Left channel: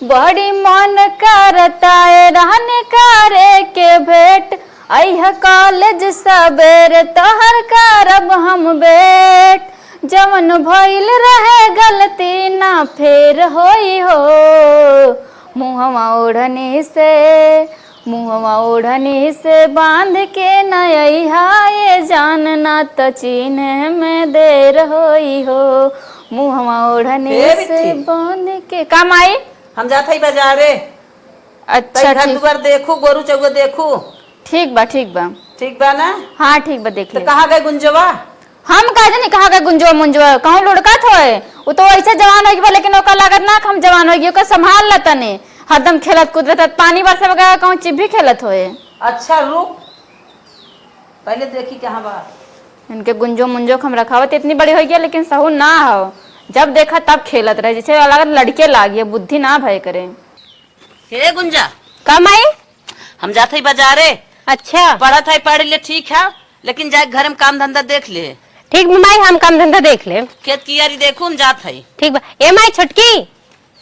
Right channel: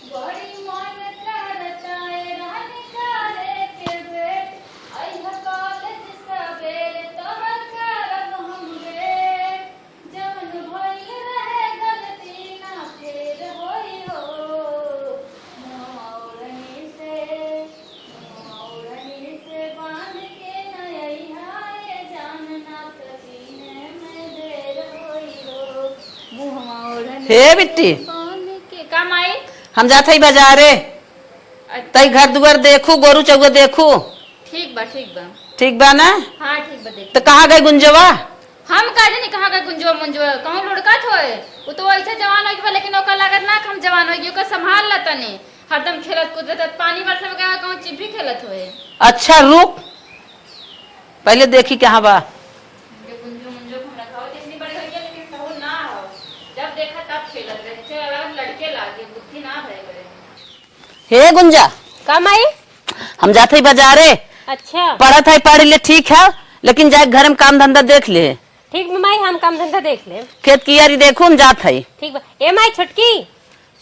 बड़ी मन करता है रहने करे के भेंट, अह कॉलेज सबेरे तोहर करब हम बेट, जवन भइल रहे गलती ना फेर होई हो, मुहवा ओढ़नी से बांध के नया ये जानना त चीने में देर होई हो, मुहवा ओढ़नी से बांध के। काम आई हम जाते ही बाजारे। अच्छा घर दुआर देखू, गोरू चौगे देखू। ठीक बा ठीक बा ठीक बा ना? हाँ ठीक बा। देख तो कहाँ गए गुंजवा? हम कहा नहीं कहा गए गुंजवा मुंजवा, कहूँ लुड़कत होए, वो तो ऐसे जवान होगी लेकिन ओकर लागत ना हम जवान होगी, ओकर संभाल लता ने हरदम खेलत कूदत पानी बरसा वगैरह कहूँ चिप भी खेलत होए। अच्छा रुक पहले देखी कहाँ बा। इनके गुंजो मुंजो हम रखावत इतनी बड़ी हो गया लेकिन सहू ना हो, जब देखा तब खेलत रहे जैसे अलग लड़के लागिए, बुद्धि ना भय करे। हे गुंजा कम आई? हम जाते ही बाजारे। अच्छा पढ़ा था पढ़ ले ठीक है, लेकिन जाए घर में काम धंधा देख ले। ठीक माई हम काम धंधा देख ले। खेत की यारी देखू हम जात है। ठीक बा। ए माई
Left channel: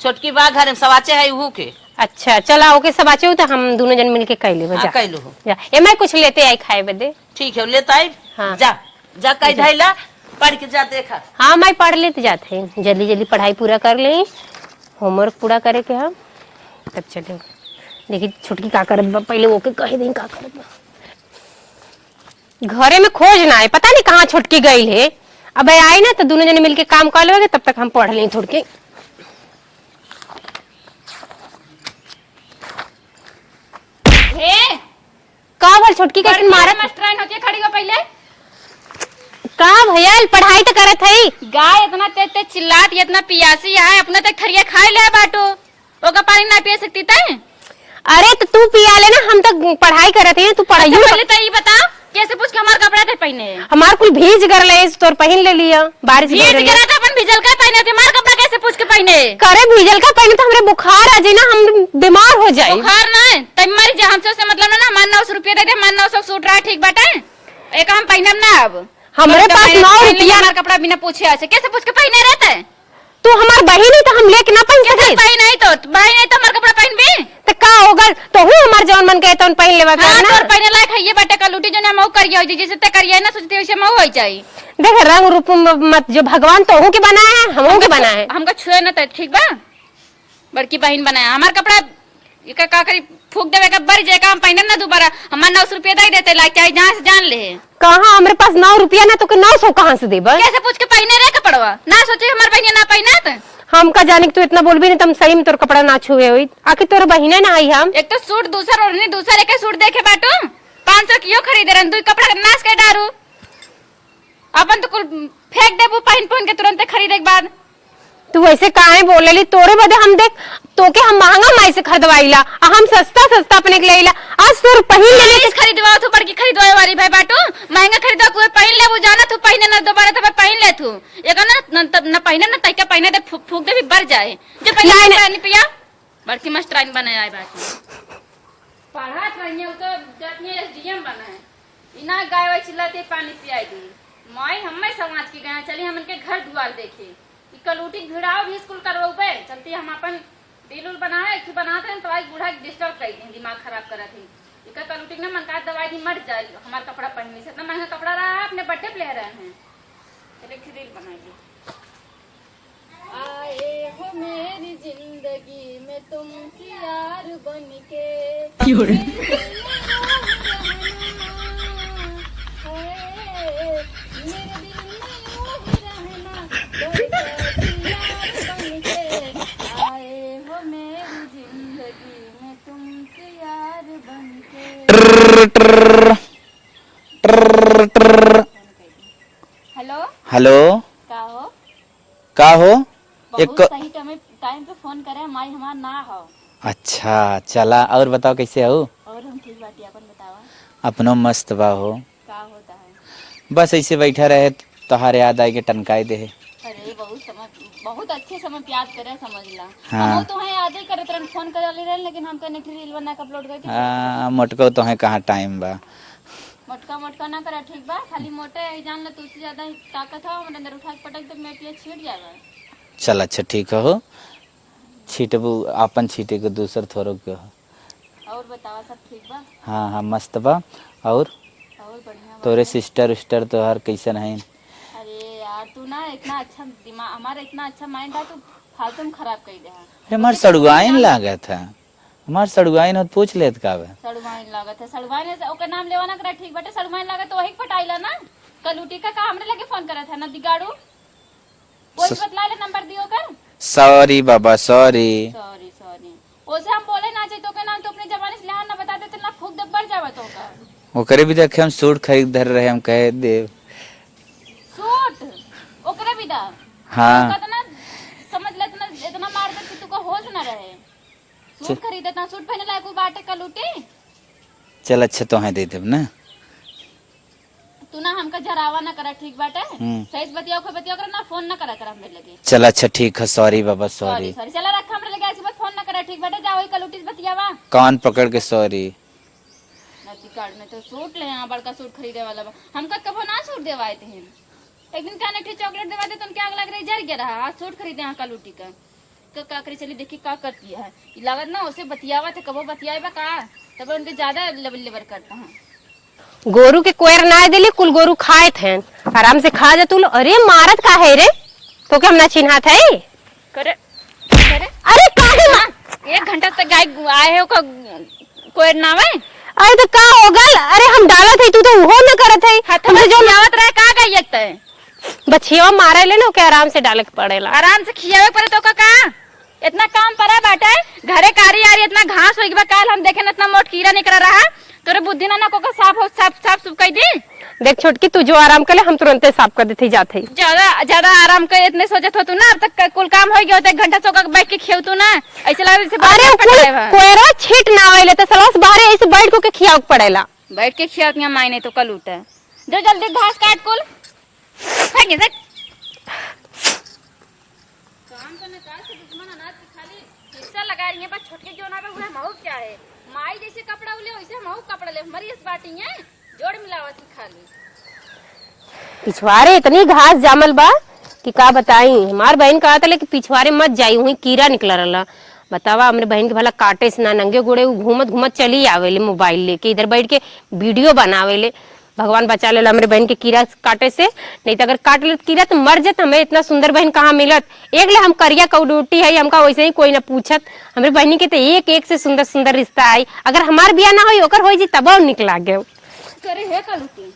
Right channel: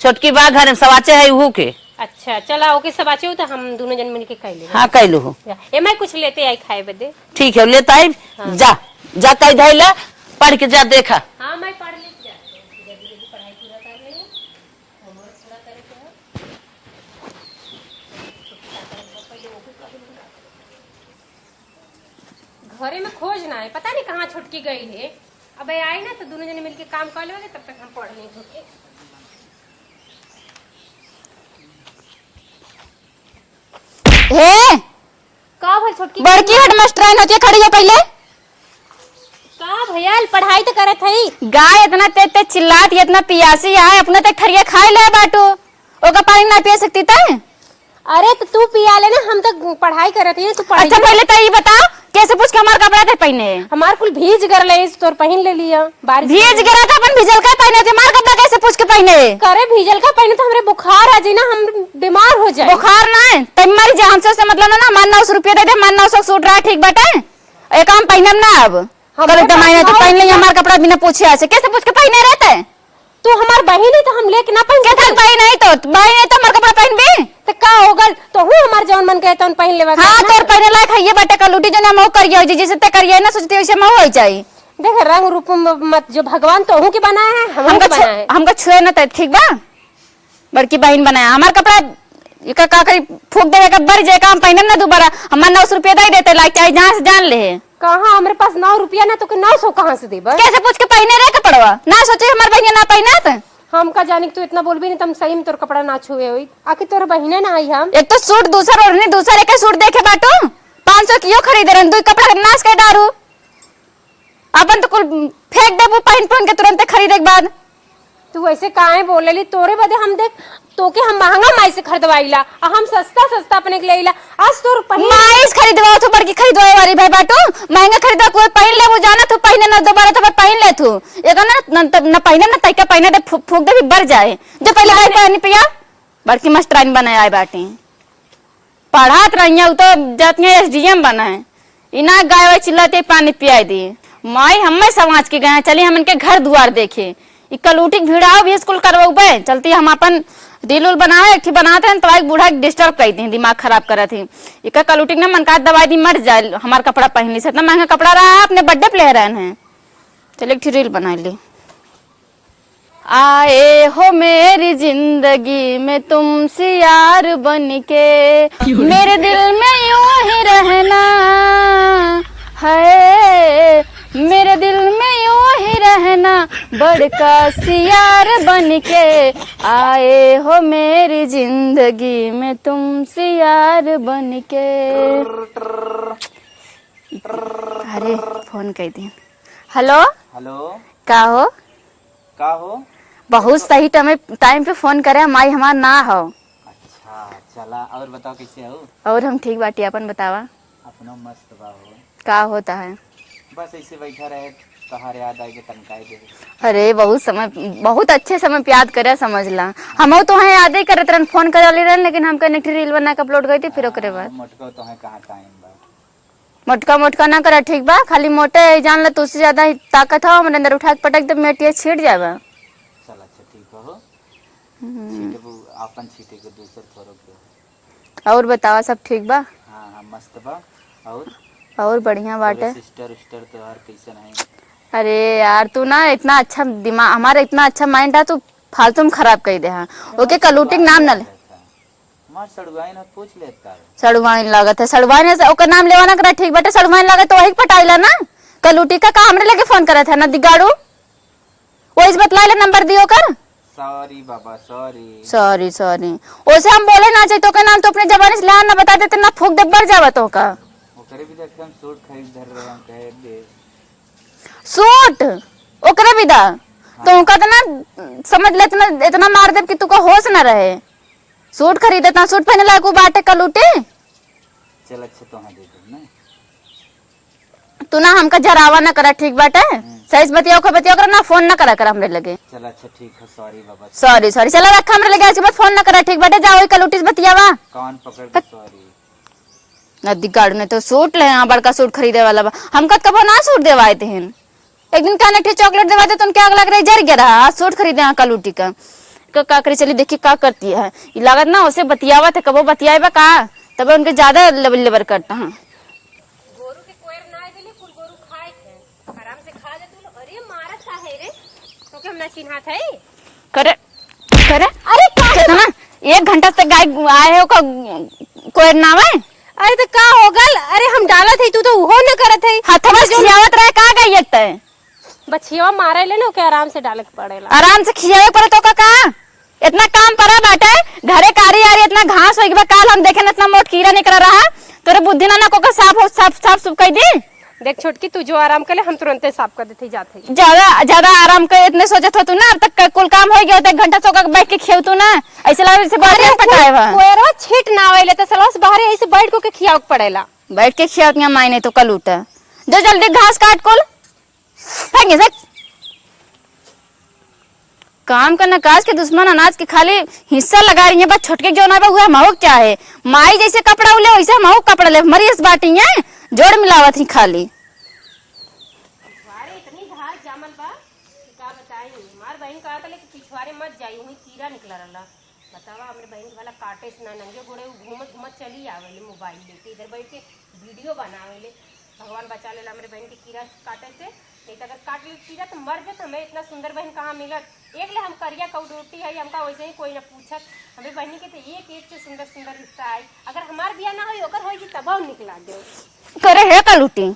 छोटकी बा घर में सवाचे है उहू के। अच्छा चला ओके सवाचे हो तो हम दोनों जन मिलके कह ले। हाँ कह लो। ए माई कुछ लेते आई खाए बदे। ठीक है लेता है। हाँ। जा जा कह धैला पढ़ के जा देखा। हाँ माई पढ़ लेते जाते हैं, जल्दी जल्दी पढ़ाई पूरा कर ले, होमवर्क पूरा करे के हम तब चले। देखिए छुटकी का करत बा, पहले ओके कह दें का करत बा। घरे में खोजना है, पता नहीं कहाँ छुटकी गई है। अब आई ना तो दोनों जने मिलके काम कर लोगे, तब तक हम पढ़ लें थोड़ के। हे का भर छुटकी का मास्टराइन होती है, खड़ी हो पहले। का भैया पढ़ाई तो करत है। गाय इतना तेज चिल्लात, इतना पियासी है, अपना ते खरिया खाई ले बाटू, ओका पानी ना पिया सकती थे। अरे तो तू पिया लेना, हम तो पढ़ाई करते हैं। तू पढ़ाई अच्छा पहले तो ये बता कैसे पूछ के हमारे कपड़ा थे पहने? हमार कुल भीज कर ले तो पहन ले लिया। बारिश भीज गिरा था अपन भिजल का पहने थे, हमारे कपड़ा कैसे पूछ के पहने? करे भीजल का पहने तो हमरे बुखार आ जाए ना, हम बीमार हो जाए। बुखार ना है तब मरी जा, हमसे उससे मतलब ना। हमारे 900 रुपया दे दे, हमारे 900 सूट रहा ठीक बाटे, एक काम पहनब ना। अब हमारे पहन लिया हमारा कपड़ा बिना पूछे ऐसे कैसे पूछ के पहने रहते हैं? तू हमार बहन है तो हम लेके ना पहन सके। भाई नहीं तो हमारा कपड़ा पहन भी तो का होगल तो हूं हमार जवन मन के तो पहन लेवा। हां तोर पहने लायक है ये बटे का लूटी जो ना मऊ करियो जैसे ते करियो ना, सोचती वैसे मऊ हो जाई। देख रंग रूप मत, जो भगवान तो हूं के बनाए हैं हमको बनाए हैं, हमको छुए ना त ठीक बा। बड़की बहन बनाया हमार कपड़ा का करी फूक देवे का बर जे काम पहनम ना दोबारा। हमार 900 रुपया दे देते लायक चाहे जहां से जान ले। कहां हमरे पास 9 रुपया ना तो 900 कहां से देबा? कैसे पूछ के पहने रे कपड़वा ना, सोचे हमार बहन ना पहनत। हम का जाने तू इतना बोल भी नहीं, तुम सही में तोर कपड़ा ना छुए हुई। आखिर तोर बहिने ना आई। हम एक तो सूट दूसरा ओढ़नी दूसरे के सूट देखे बाटो 500 क्यों खरीदे रन, दो कपड़ा नाश कर डारू। अपन तो कुल फेंक देबू पहन के तुरंत खरीदे के बाद। तू ऐसे काहे बोलेली? तोरे बदे हम देख तो के हम महंगा माई से खरीदवाईला, हम सस्ता सस्ता अपने के लेला। आज तोर पहले खरीदवा तो बड़की खरीदवाए वाली भाई बाटो, महंगा खरीदवा कोई पहन ले वो जाना तू पहने ना दोबारा तो पहन ले तू। एक ना पहने ना तैका पहने दे फूक दे भी बढ़ जाए। जब पहले आए नहीं पिया बड़की मास्टराइन बनाए आए बाटे, पढ़ात रहिया तो जाती एसडीएम बनाए। इना गाय वाय चिल्लाते पानी पियाई दी माई, हमें समाज के गए चली हम इनके घर दुआर देखे। कलूटी भिड़ाओ भी स्कूल करवाऊ चलती हम अपन दिल उल बनाए एक बनाते हैं तो एक बूढ़ा डिस्टर्ब कर दी, दिमाग खराब करा थी। एक कलूटी ने मन का दवाई दी मर जाए, हमारा कपड़ा पहनने से इतना महंगा कपड़ा रहा है, अपने बर्थडे पे ले रहे हैं। चलिए एक रील बना ली। आए हो मेरी जिंदगी में तुमसे यार बन के, मेरे दिल में यूं ही रहना है, मेरे दिल में यूं ही रहना बड़का सियार बन के। आए हो मेरी जिंदगी में तुमसे यार बन के। फोन कर दी। हेलो हेलो का हो? बहुत सही टाइम पे फोन करे, माई हमार ना हो। अच्छा चला और बताओ कैसे हो? और हम ठीक बाटी, अपन बतावा। अपनो मस्त बा हो। का होता है? बस ऐसे बैठा रहे तोहार याद आई के टनकाई दे। अरे बहुत अच्छे समय पे याद करे समझला। हाँ। हम तो है याद ही करत रहन, फोन करे वाली रहन, लेकिन हम कने रील बना के अपलोड कर दी फिर ओकरे बाद। मोटको तो है कहां टाइम बा। मोटका ना करे ठीक बा, खाली मोटे जान ल तुझसे ज्यादा ताकत हो, हमरे अंदर उठा के पटक दे मेटिया छीट जाबा। चल अच्छा ठीक हो। छीटबू अपन छीटे के दूसर थोरो के हो। और बतावा सब ठीक बा? हाँ हाँ मस्त बा। और बढ़िया तोरे बाटे। सिस्टर उस्टर तो हर कैसन है? अरे यार तू ना इतना अच्छा दिमाग, हमारा इतना अच्छा माइंड है, तू फालतू में खराब कर दे। हाँ ओके कलूटी नाम लगा था हमार सड़ुआइन हो, पूछ लेत का बे। सड़वाइन लागत है, सड़वाइन से ओकर नाम लेवा ना करा। ठीक बाटे, सड़वाइन लागत तो वही पटाइला ना। कलूटी का हमरे लगे फोन करे था ना दिगाड़ू, वो इस बतला ले नंबर दियो कर। सॉरी बाबा सॉरी। सॉरी सॉरी ओसे हम बोले ना चाहिए तो का नाम तो अपने जबानी से ना बता देते ना, फूक दे बढ़ जावा तो का। ओकरे भी देखे हम सूट खरीद धर रहे, हम कहे दे सूट ओकरे भी दा। हाँ। तो का ना समझ ले, इतना मार दे कि तू का होश ना रहे। सूट खरीदता, सूट पहने लायक बाटे कलूटी। चल अच्छा तो है दे देब ना। तू ना हमका जरावा ना करा, ठीक बाटे। सही से बतियाओ कर ना, फोन ना करा कर हमरे लगे। चल अच्छा ठीक है, सॉरी बाबा सॉरी सॉरी। चला रख हमरे लगे, आज के बाद फोन ना करा, ठीक बाटे। जाओ कलूटी से बतियावा। कान पकड़ के सॉरी। नदी गाड़ू ने तो सूट ले, यहाँ बड़का सूट खरीदे वाला बा। हम कब ना सूट देवाए थे। एक दिन कहने थे चॉकलेट देवा दे तो उनके आग लग रही, जर गया रहा। आज सूट खरीदे यहाँ कलूटी का का करी। चली देखी का करती है लागत ना, उसे बतियावा थे कबो बतियाएबा का, तब उनके ज्यादा लेबर करता है। गोरू के कोयर ना देली, कुल गोरू खाए थे, आराम से खा जा तू। अरे मारत का है रे, तो क्या हम ना चिन्हा था करे करे। अरे का 1 घंटा से गाय आए हो का कोयर ना है। अरे तो का हो गल? अरे हम डाला थे, तू तो वो में करत है। हाथ में जो आवत रहे का गयत है, बछिया मारे ले लो के आराम से डाले के पड़ेला। आराम से खियावे पर तो का इतना काम पड़ा बैठे घरे कारी यार, इतना घास हो गया। काल हम देखे ना इतना मोट कीड़ा निकल रहा, तोरे बुद्धि ना को साफ सुफ कर दी। देख छोटकी, तू जो आराम कर ले, हम तुरंत साफ कर देते जाते। ज्यादा आराम कर इतने सोचत हो तू ना, अब तक कुल काम हो गया। 1 घंटा सोकर बैठ के खेव तू ना, ऐसे लगे से बाहर पता है कोयरा छीट ना आइले तो सलास बाहर ऐसे बैठ को के खियाव पड़ेला। बैठ के खियाव के मायने तो कल उठा। जो जल्दी घास काट कुल फेंगे से। काम करना काज के दुश्मन अनाज के खाली हिस्सा लगा रही है। बस छोटके जो ना हुआ महू क्या है, माई जैसे कपड़ा उले वैसे महू कपड़ा ले, मरी इस बाटी है जोड़ मिलावत ही खाली। पिछवाड़े इतनी घास जामल बा कि का बताई। हमार बहन कहा था कि पिछवाड़े मत जाई, वही कीड़ा निकल रहा। बतावा हमरे बहन के भला काटे से ना, नंगे गोड़े घूमत घूमत चली आवेले मोबाइल लेके, इधर बैठ के वीडियो बनावेले। भगवान बचा ले हमरे बहन के कीड़ा काटे से, नहीं तो अगर काट ले कीड़ा तो मर जात। हमें इतना सुंदर बहन कहाँ मिलत। एक ले हम करिया कौडूटी है, हमका वैसे ही कोई ना पूछत। हमरे बहनी के तो एक से सुंदर सुंदर रिश्ता आई। अगर हमार बिया ना हो ओकर हो जी तब निकला गए करे है कलूटी।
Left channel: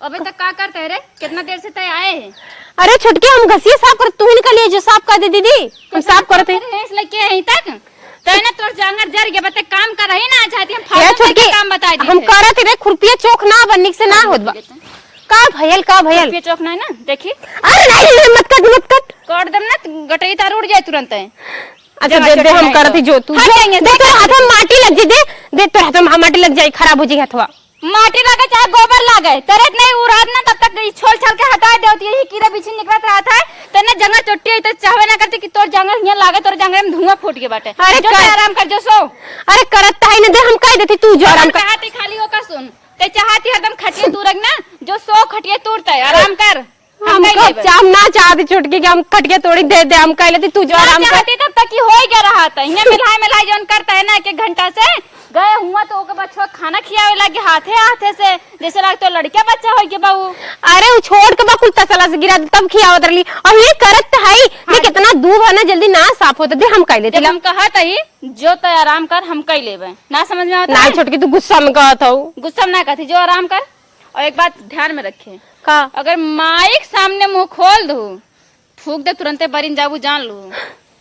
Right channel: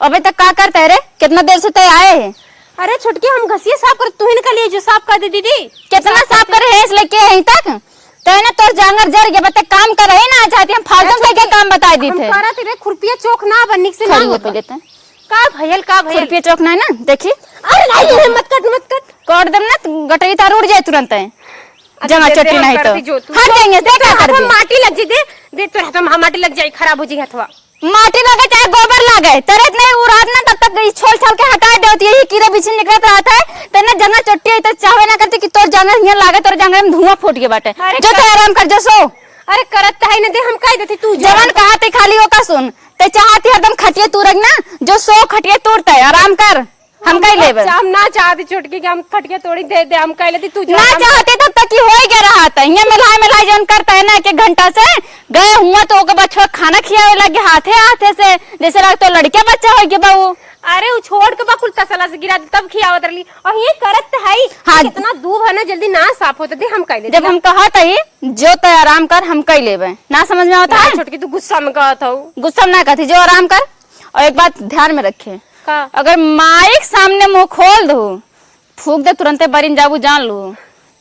अबे तक का करते है रे, कितना देर से तय आए है? अरे छोटके हम घसिए साफ कर, तू ही निकलिए जो साफ कर दे दीदी। कितना साफ करे है इसलिए के यहीं तक तने तोर जांगर जर गया। बता काम कर रही ना चाहती हम फालतू के काम बता दी हम करत रे। खुरपिया चौक ना बनने से ना होत का भयल खुरपिया चौक ना है ना, देखी। अरे नहीं मत कट काट दे ना, गटरी तार उड़ जाए तुरंत है। अच्छा फोन करती जो तू देख हाथ में माटी लग जी, दे तो हाथ में माटी लग जाए, खराब हो जी हथवा। माटी लगे चाहे गोबर लगे, तरत नहीं उड़ात ना, तब तक छोल छाल के हटा देती है। कीड़ा बीच निकलत रहता है, तेने जंगल चुट्टी हुई तो चाहे ना करती कि तोर जंगल यहाँ लागे, तोर जंगल में धुआं फूट के बाटे। जो तो आराम कर जो सो। अरे करत है ना दे, हम कह देती तू जो आराम कहते खाली होका सुन ते चाहती हरदम खटिया तू रख ना, जो सो खटिया तोड़ता है आराम कर। हम कह लेबे हम ना चाहते छुटकी के हम खटिया तोड़ी दे दे, हम कह लेती तू जो ना चाहते तब तक ही हो गया रहा था। ये मिलाई जौन करता है ना 1 घंटा से गए हुआ तो ओके बच्चों खाना खियावे लगे हाथे से, जैसे लग तो लड़के बच्चा हो गया बाबू। अरे वो छोड़ के बाकुल तसला से गिरा तब खियावत रही। और ये करत है हाँ। कितना दूब है ना, जल्दी ना साफ होते दे, हम कह लेते। जब हम कहा था ही जो तो आराम कर, हम कह लेबे ना समझ में आता है। छुटकी तू गुस्सा में कहा था, गुस्सा में ना कहती, जो आराम कर। और एक बात ध्यान में रखे, अगर माइक सामने मुंह खोल दू फूक दे तुरंत बरिन जाबू, जान लो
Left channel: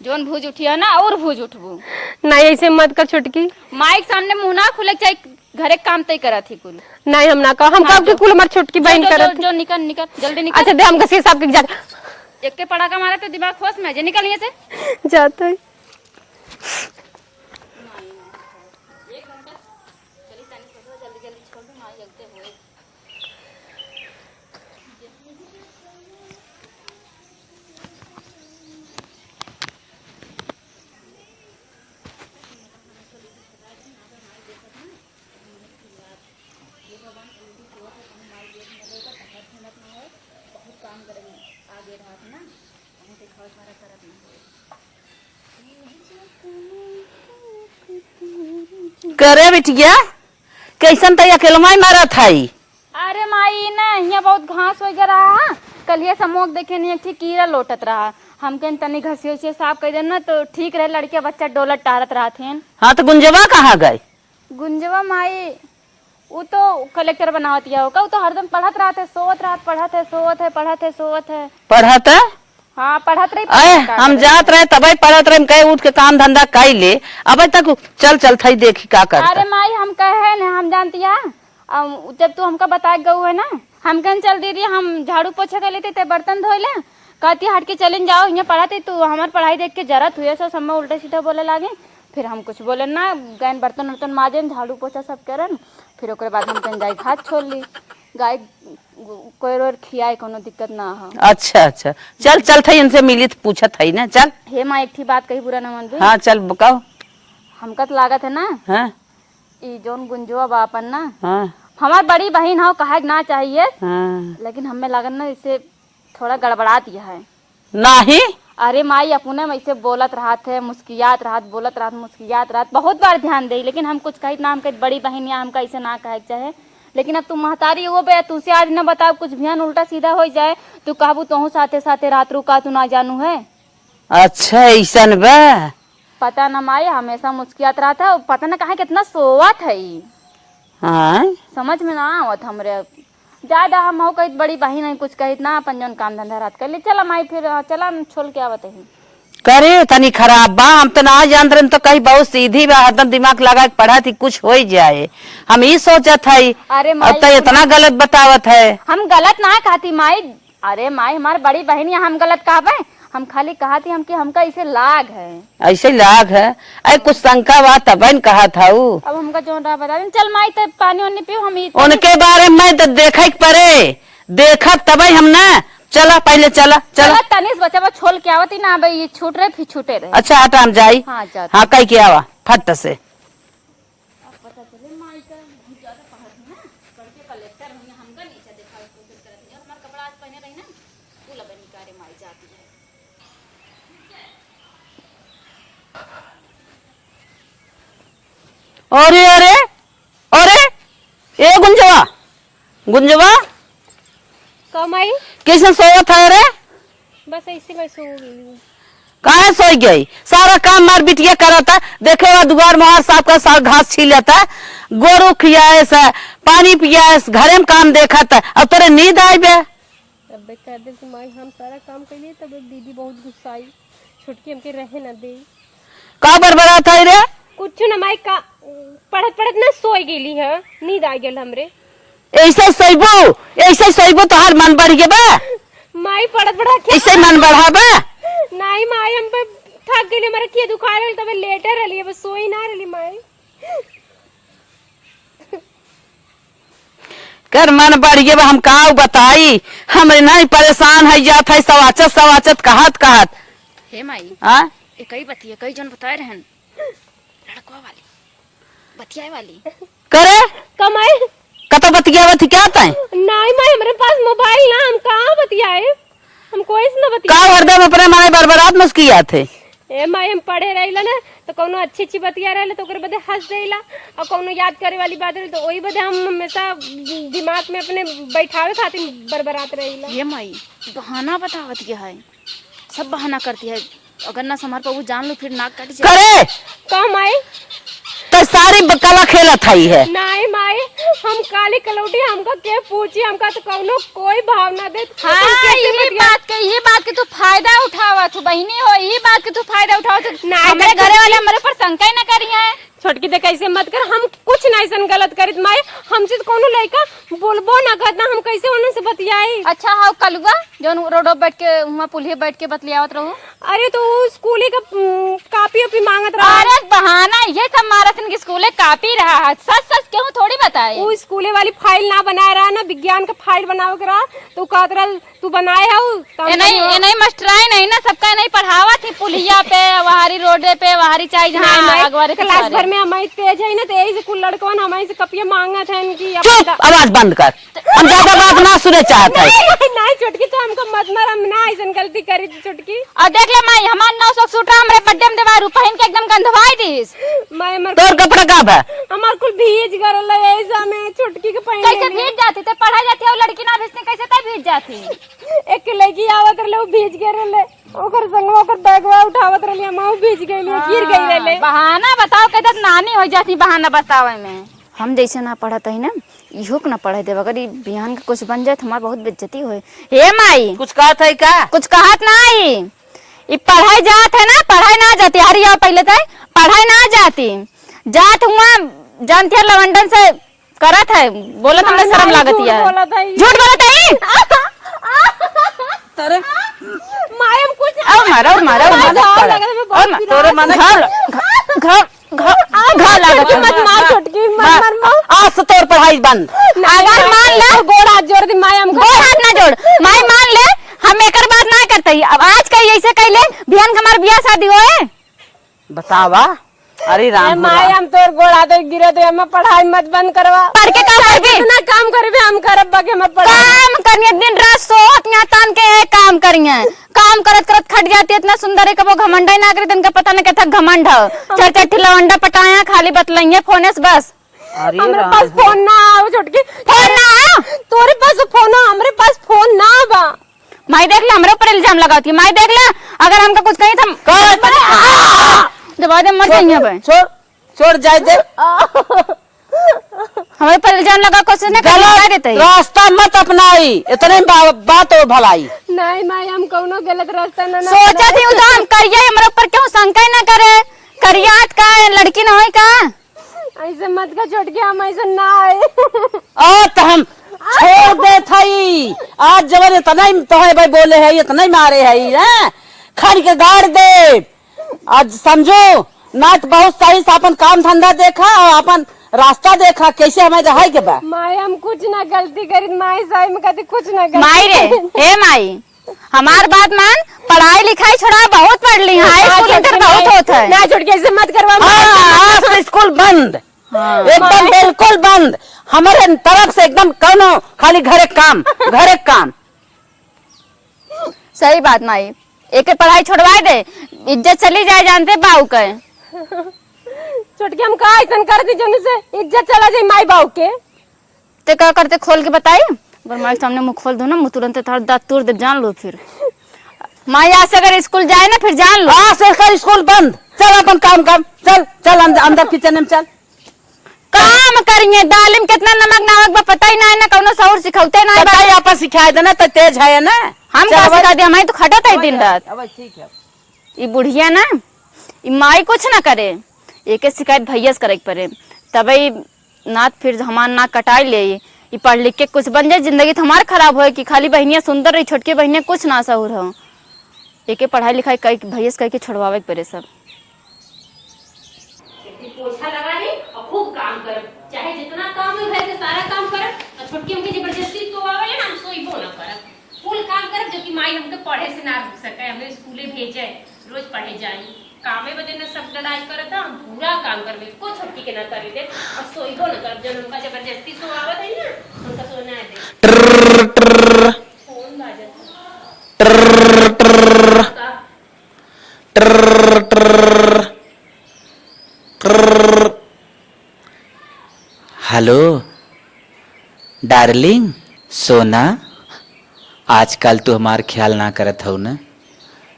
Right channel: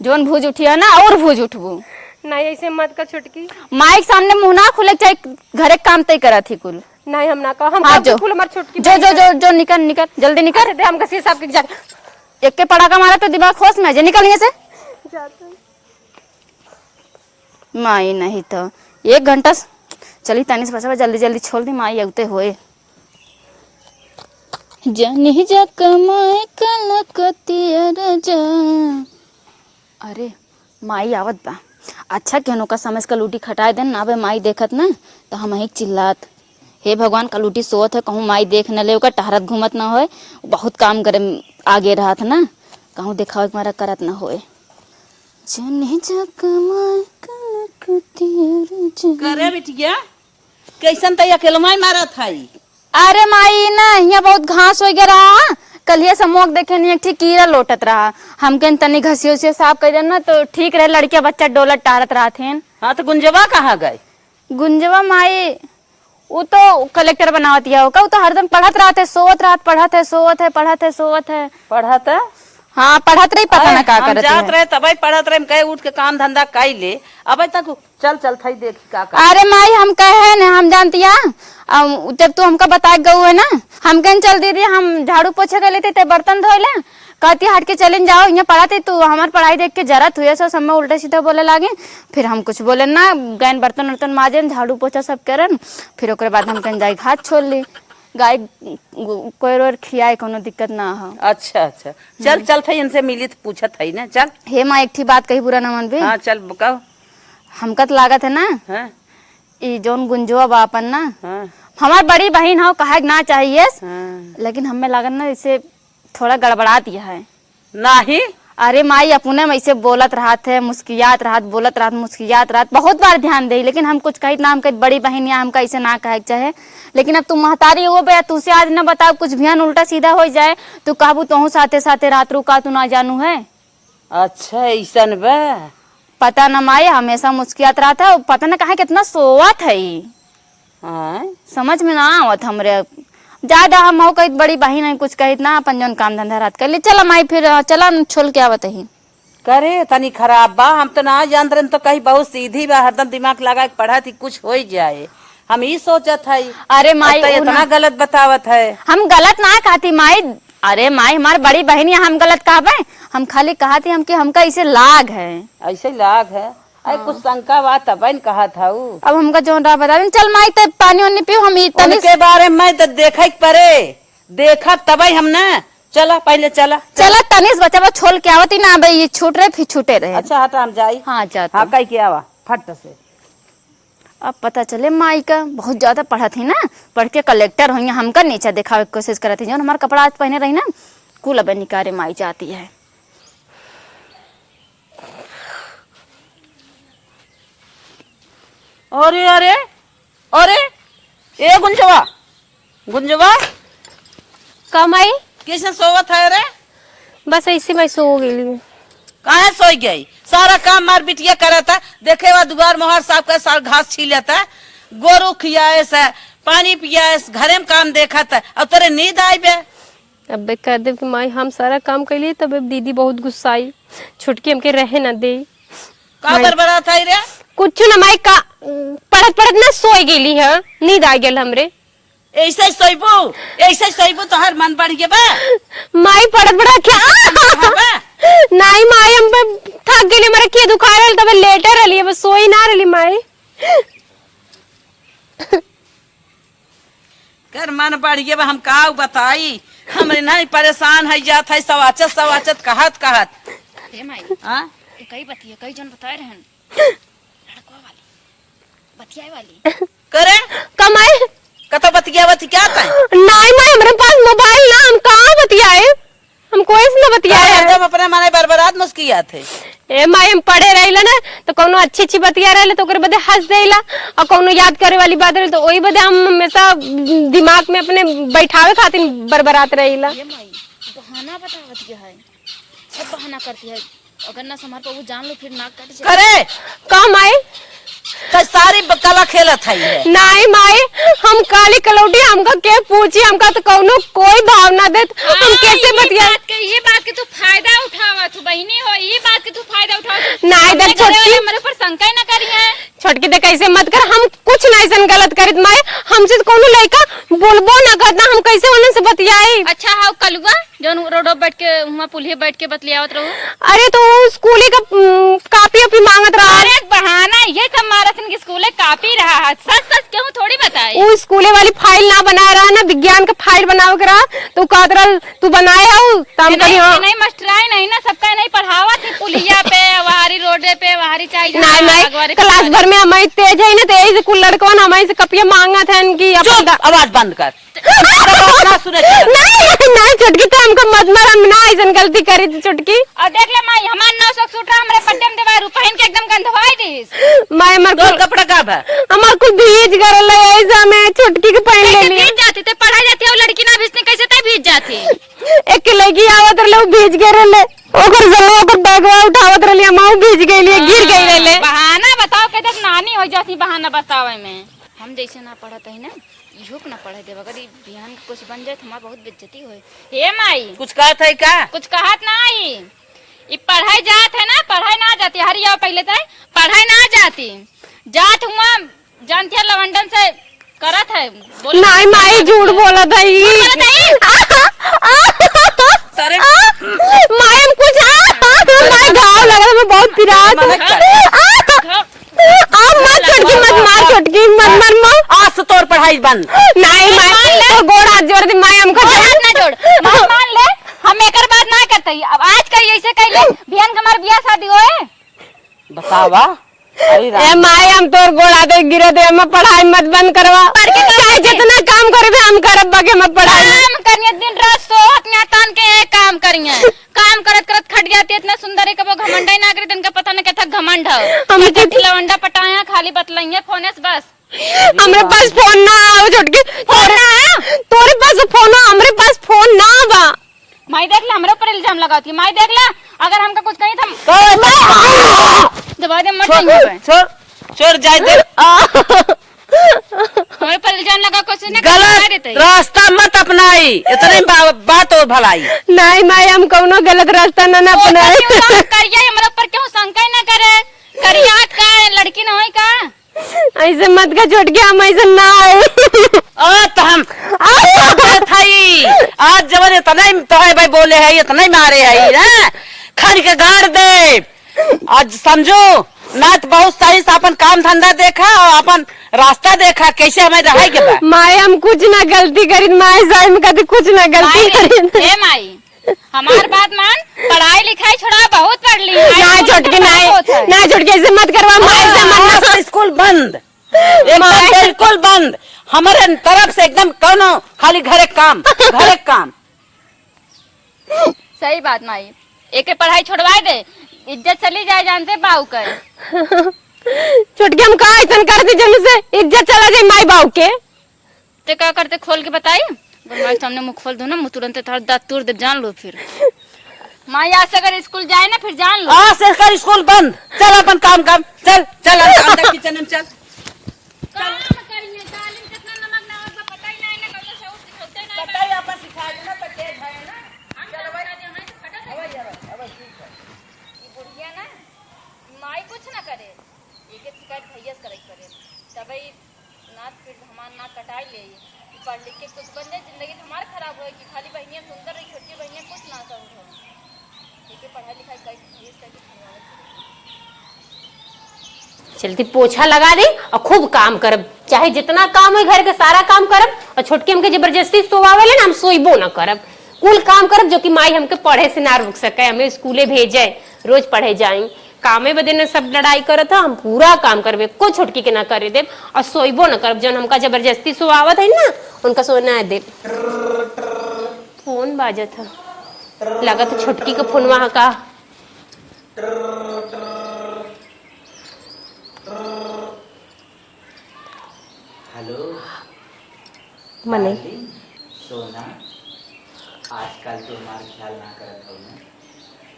जोन भूज उठी है ना और भूज उठबू। नहीं ऐसे मत कर छुटकी, माइक सामने मुंह ना खुले, चाहे घरे काम तय करा थी कुल। नहीं हम ना कहो, हम हाँ, जो हमारी छुटकी जो निकल जल्दी निकल। अच्छा दे हम घसी साहब के जाते, एक के पड़ाका मारा तो दिमाग खोस में निकल यहाँ से जाते। माई नहीं तो 1 घंटा चली तनी से जल्दी जल्दी छोड़ दी, माई अगते होए जनी जा कमाए कलकतिया राजा। अरे माई आवत बा, अच्छा केनो का समझ कलूटी खटाए देन ना बे, माई देखत ना तो हम ही चिल्लात, हे भगवान कलूटी सोत है कहूँ माई देख न ले, ओका टहरत घूमत ना होए, बहुत काम करे आगे रहत ना, कहूँ दिखावे मारा करत ना होए। चने जकमाई कनकतियर करे बिटिया कैसन तई अकेलमा मारत हई। अरे माई ना यहाँ बहुत घास हो गया रहा, कल ये समोक देखे नहीं एक ठीक कीड़ा लोटत रहा, हमके तनी घसी उसी साफ कर देना तो ठीक रहे, लड़किया बच्चा डोलत टारत रहा थे। हाँ तो गुंजवा कहाँ गए? गुंजवा माई वो तो कलेक्टर बनावत या होगा, वो तो हरदम पढ़त रहा थे, सोवत रात पढ़त है, सोवत है, पढ़त है, सोवत है। पढ़त है? हाँ पढ़त रही, पता नहीं का हम करत जात है। रहे तब पढ़त रहे, कहे उठ के काम धंधा कर ले, अब तक चल चल थई देखी का कर। अरे माई हम कहे न हम जानती है, जब तू हमका बता गऊ है ना, हम कहीं चल दीदी हम झाड़ू पोछा कर लेते थे, बर्तन धो ले, कहती हट के चले जाओ, यहाँ पढ़ाते तू हमार पढ़ाई देख के जरा तू सो सब उल्टा सीधा बोले लागे, फिर हम कुछ बोले ना, गैन बर्तन वर्तन माजे झाड़ू पोछा सब करन, फिर ओकरे बाद हम कहीं जाई हाथ छोड़ ली, गाय कोई रोर खियाए कोनो दिक्कत ना हो। अच्छा अच्छा चल चल थई इनसे मिली तो पूछत हई ना, चल। हे माँ एक थी बात कही बुरा ना मन भी। हाँ चल बताओ। हमका तो लागत है ना हाँ ई जोन गुंजवा बापन ना हाँ हमार बड़ी बहन हो, कहा ना चाहिए, हाँ। लेकिन हमें लागत ना इसे थोड़ा गड़बड़ा दिया है। नहीं अरे माई अपने में ऐसे बोलत रहा थे, मुस्कियात रहा, बोलत रहा, मुस्कियात रहा, बहुत बार ध्यान दे, लेकिन हम कुछ कही ना, हम कही बड़ी बहन या हमका ऐसे ना कहे चाहे, लेकिन अब तुम महतारी हो बे, तुझसे आज ना बताओ कुछ भियान उल्टा सीधा हो जाए तो कहबू तोहू साथे साथे रात रुका तू ना जानू है। अच्छा ऐसन बा। पता न माई हमेशा मुस्कियात रहा था, पता न कहा कितना सोवत है, हाँ समझ में ना आवत हमरे। ज्यादा हम हो कही बड़ी बहन है, कुछ कही ना अपन जौन काम धंधा रात कर ले, चला माई फिर चला छोड़ के आवत ही। करे तनी खराब बा, हम तो ना जान रहे, तो कहीं बहुत सीधी बा, हरदम दिमाग लगा के पढ़ा थी कुछ हो जाए, हम ही सोचत है। अरे माई तो इतना गलत बतावत है। हम गलत ना कहती माई, अरे माई हमारी बड़ी बहन है, हम गलत कहा पाए, हम खाली कहा थी हमके हमका इसे लाग है, ऐसे लाग है। अरे कुछ शंका बा तब कहा था वो। अब हमका जोन रहा बता दें, चल माई तब पानी वानी पियो, हम उनके बारे में तो देखे पड़े, देखा तब हम ना, चला पहले चला चला तनिस बच्चा छोड़ के आवती ना, भाई ये छूट रहे फिर छूटे रहे। अच्छा हटा हम जाई। हाँ जाते। हाँ कहीं के आवा फट से। अब पता चले माई का बहुत ज्यादा पढ़ा थी ना, पढ़ के कलेक्टर हुई, हमका नीचा दिखावे की कोशिश करत थी, जो हमारा कपड़ा आज पहने रही ना कुल अब निकारे माई जाती है। अरे अरे अरे ए गुंजवा गुंजवा का माई? कैसे सोवत है रे? बस ऐसे मैं सो गई। कहाँ सोई गई? सारा काम मार बिटिया करता, देखे हुआ दुआर में साफ का साल घास छीलता, गोरू खियास पानी पियास, घरे में काम देखत, अब तोरे नींद आई बे। अब कर दे कि माई हम सारा काम कर लिए, तब दीदी बहुत गुस्सा आई, छुटकी हमके रहे ना दे। का बरबरा था रे? कुछ ना माई का पढ़त पढ़त ना सोई गेली है, नींद आ गेल हमरे। ऐसे सोइबू तो हर मन बढ़ गया बा। माई पढ़त पढ़त क्या ऐसे मन बढ़ा बा? नहीं माई हम थक गेली, मेरे के दुखा रहल, तब लेटे रहली, बस सोई ना रहली माई। कर मन बढ़ गया बा, हम का बताई, हमरे नहीं परेशान है जात है, सवाचत कहत हे माई हाँ कई बतिया कई जन बताए रहन लड़कों वाली बतियाए वाली करे कमाए कतो बतियावत क्या तय? नहीं माई हमारे पास मोबाइल ना, हम कहाँ बतियाए, हम कोई से ना का बतियाए। हरदम अपने माने बरबरात मुस्किया थे। ए माई हम पढ़े रहिला ना, तो कोनो अच्छी अच्छी बतिया रहले तो ओकरे बदे हंस देला, और कोनो याद करे वाली बात रहे तो वही बदे हम हमेशा दिमाग में अपने बैठावे खातिर बरबरात रहिला। ये माई बहाना बतावत क्या है, सब बहाना करती है, अगर ना समार पर वो जान लो फिर नाक काट जाए। करे कम आए तो सारी कला खेलत है है। नहीं माई हम काली कलौटी, हमका के पूछी, हमका तो कोनो कोई भावना देत, हम कैसे बतिया। ये बात के तू फायदा उठावा तू बहिनी हो, ये बात के तू फायदा उठावा तू नहीं मेरे घरे वाले हमारे पर शंका ना करी है। छोटकी दे कैसे मत कर, हम कुछ नहीं सन गलत करित माई, हमसे तो कोनो लड़का बोलबो ना करना, हम कैसे उन्हें से बतियाई। अच्छा हाँ कलुआ जोन रोडो बैठ के वहाँ पुलिया बैठ के बतलियावत रहू। अरे तो स्कूली का कापी अपी मांगत रहा। अरे बहाना ये सब माराथन की स्कूले कापी रहा है, सच सच क्यों थोड़ी बताई। वो स्कूले वाली फाइल ना बनाए रहा ना, विज्ञान का फाइल बनावे के रहा, तो कहत रहा तू बनाए हो नहीं मास्टराई नहीं ना, सबका नहीं पढ़ावा थी पुलिया पे, वहारी रोड पे, वहारी चाहिए क्लास भर में हमारी तेज है ना, तो यही से कुल लड़कों ने हमारे से कपिया मांगा था इनकी। आवाज बंद कर, हम ज्यादा बात ना सुने चाहते हैं। नहीं चुटकी तो हमको मत मार, हम ना ऐसा गलती करी थी चुटकी। और देख ले माई हमार 900 सूटा हमरे पट्टे में दबारू पहन के एकदम गंधवाई दीस। माय मर तोर कपड़ा कब है? हमार कुछ भीज करल ऐसा में चुटकी के पहन कैसे ले भीज जाती थे, पढ़ाई जाती है वो लड़की ना भीजने कैसे तय भीज जाती। एक लड़की आवत रहे वो भीज के रहले, ओकर जल्ला पर बैगवा उठावत रहली, हम भीज गईली, गिर गई रहले। बहाना बताओ के तक नानी हो जाती बहाना बतावे में। हम जैसे ना पढ़त है ना इहो के ना पढ़े देव, अगर ये बिहान के कुछ बन जाए तो हमार बहुत बेइज्जती होए। हे माई कुछ कहत है का? कुछ कहत ना आई, ये पढ़ाई जात है ना, पढ़ाई ना जाती। हरिया पहले तय पढ़ाई ना जाती, जात हुआ जानती है लवंडन से करत है। बोलो नहीं माई झूठ बोलत है, झूठ बोलत है। अरे माई हम कुछ गाँव लगा मैं बहुत पिरात चुटकी मत मार, चुटकी मत मार। आज से तोर पढ़ाई बंद। नहीं मान ले गोड़ हाथ जोड़ दी माई, हमको हाथ ना जोड़ माई, मान ले हम एकर बात ना करते। अब आज कहीं ऐसे कहले बिहान के हमार बियाह शादी होए बतावा। अरे राम माई हम तोर गोड़ हाथ गिरा दे, हम पढ़ाई मत बंद करवा, पढ़ के चाहे जितना काम करबे हम करब, बाकी मत पढ़ाई। काम करिए दिन रात सोहत ना तान के एक काम करिए, काम करत करत खट जाती इतना सुंदर है कबो घमंड ही ना करे, तनका पता ना कहता घमंड है। चाचा ठिलवंडा पटाया खाली बतलाइए फोन से बस। हमरे पास फोन ना आओ चुटकी, फोन ना आओ? तोरे पास फोन हो, हमरे पास फोन ना बा। माई देख ला हमरे ऊपर इल्जाम लगाती है। माई देख ला अगर हमका कुछ कहीं था दबा दे मत जाइए। छोड़ छोड़ जाए दे। हमें पर इल्जाम लगा कुछ नहीं गलत रास्ता मत अपनाई, इतने बात हो भलाई। नहीं माई हम कौनो गलत रास्ता ना अपनाई। करिया हमरे ऊपर क्यों शंका ना करे, करिया का लड़की ना होई का, ऐसे मत का छोड़ के हम ऐसे ना आए। आज हम छोड़ दे थई, आज जवन इतना ही तो है भाई बोले है, इतना ही मारे है ना, खड़ के गाड़ दे। आज समझो ना तो बहुत सही से अपन काम धंधा देखा और अपन रास्ता देखा, कैसे हमें रहा के बा। माई हम कुछ ना गलती करी, माई साई में कभी कुछ ना माई गलती। हे माई हमार बात मान, पढ़ाई लिखाई छोड़ा बहुत पढ़ ली है ना छुटकी ऐसे मत करवा। आज से स्कूल बंद, एकदम बिल्कुल बंद हमारे तरफ से, एकदम कौनो खाली घरे काम घरे काम। सही बात माई, एक पढ़ाई छोड़वा दे, इज्जत चली जाए जानते बाऊ के। छुटकी हम का ऐसा करते जन से इज्जत चला जाए माई बाऊ के। ते क्या करते खोल के बताई, अगर माई सामने मुंह खोल दो ना मुंह तुरंत थोड़ा दांत तोड़ दे, जान लो फिर। माई आज से अगर स्कूल जाए ना फिर जान लो। सरकारी स्कूल बंद, चल अपन काम कर, चल चल अंदर किचन में चल। काम करिए, दाल में कितना नमक नमक बा पता ही ना है ना, कौनो सौर सिखाते ना पता ही आपस सिखाए देना तो तेज है ना। हम का सिखा दे, हमारी तो खटत है दिन रात। ये बुढ़िया ना ये माई कुछ ना करे, एक शिकायत भैया से करे पड़े, तभी नाथ फिर हमार नाक कटाई ले। ये पढ़ लिख के कुछ बन जाए, जिंदगी तो हमार खराब हो कि खाली बहनिया सुंदर रही, छोटकी बहनिया कुछ ना सहूर हो। एक पढ़ाई लिखाई कई भैया से कह के छोड़वावे पड़े सब। चलती पोछा लगा दे और खूब काम करब, चाहे जितना काम है घर के सारा काम करब, और छोटकी हमके जबरदस्ती सोवावे ले ना हम सोइबो ना करब, कुल काम करब जो कि माई हमके पढ़े से ना रुक सके, हमें स्कूले भेजे रोज पढ़े जाई। कामे बदे ने सब लड़ाई करत हम पूरा काम करबे, को छोटकी के ना करे दे और सोइबो ना करब, जन हमका जबरदस्ती सोवावत है ना उनका सोना दे। फोन बाजत है का हेलो डार्लिंग, सोना आजकल तू हमार ख्याल ना करत हो ना,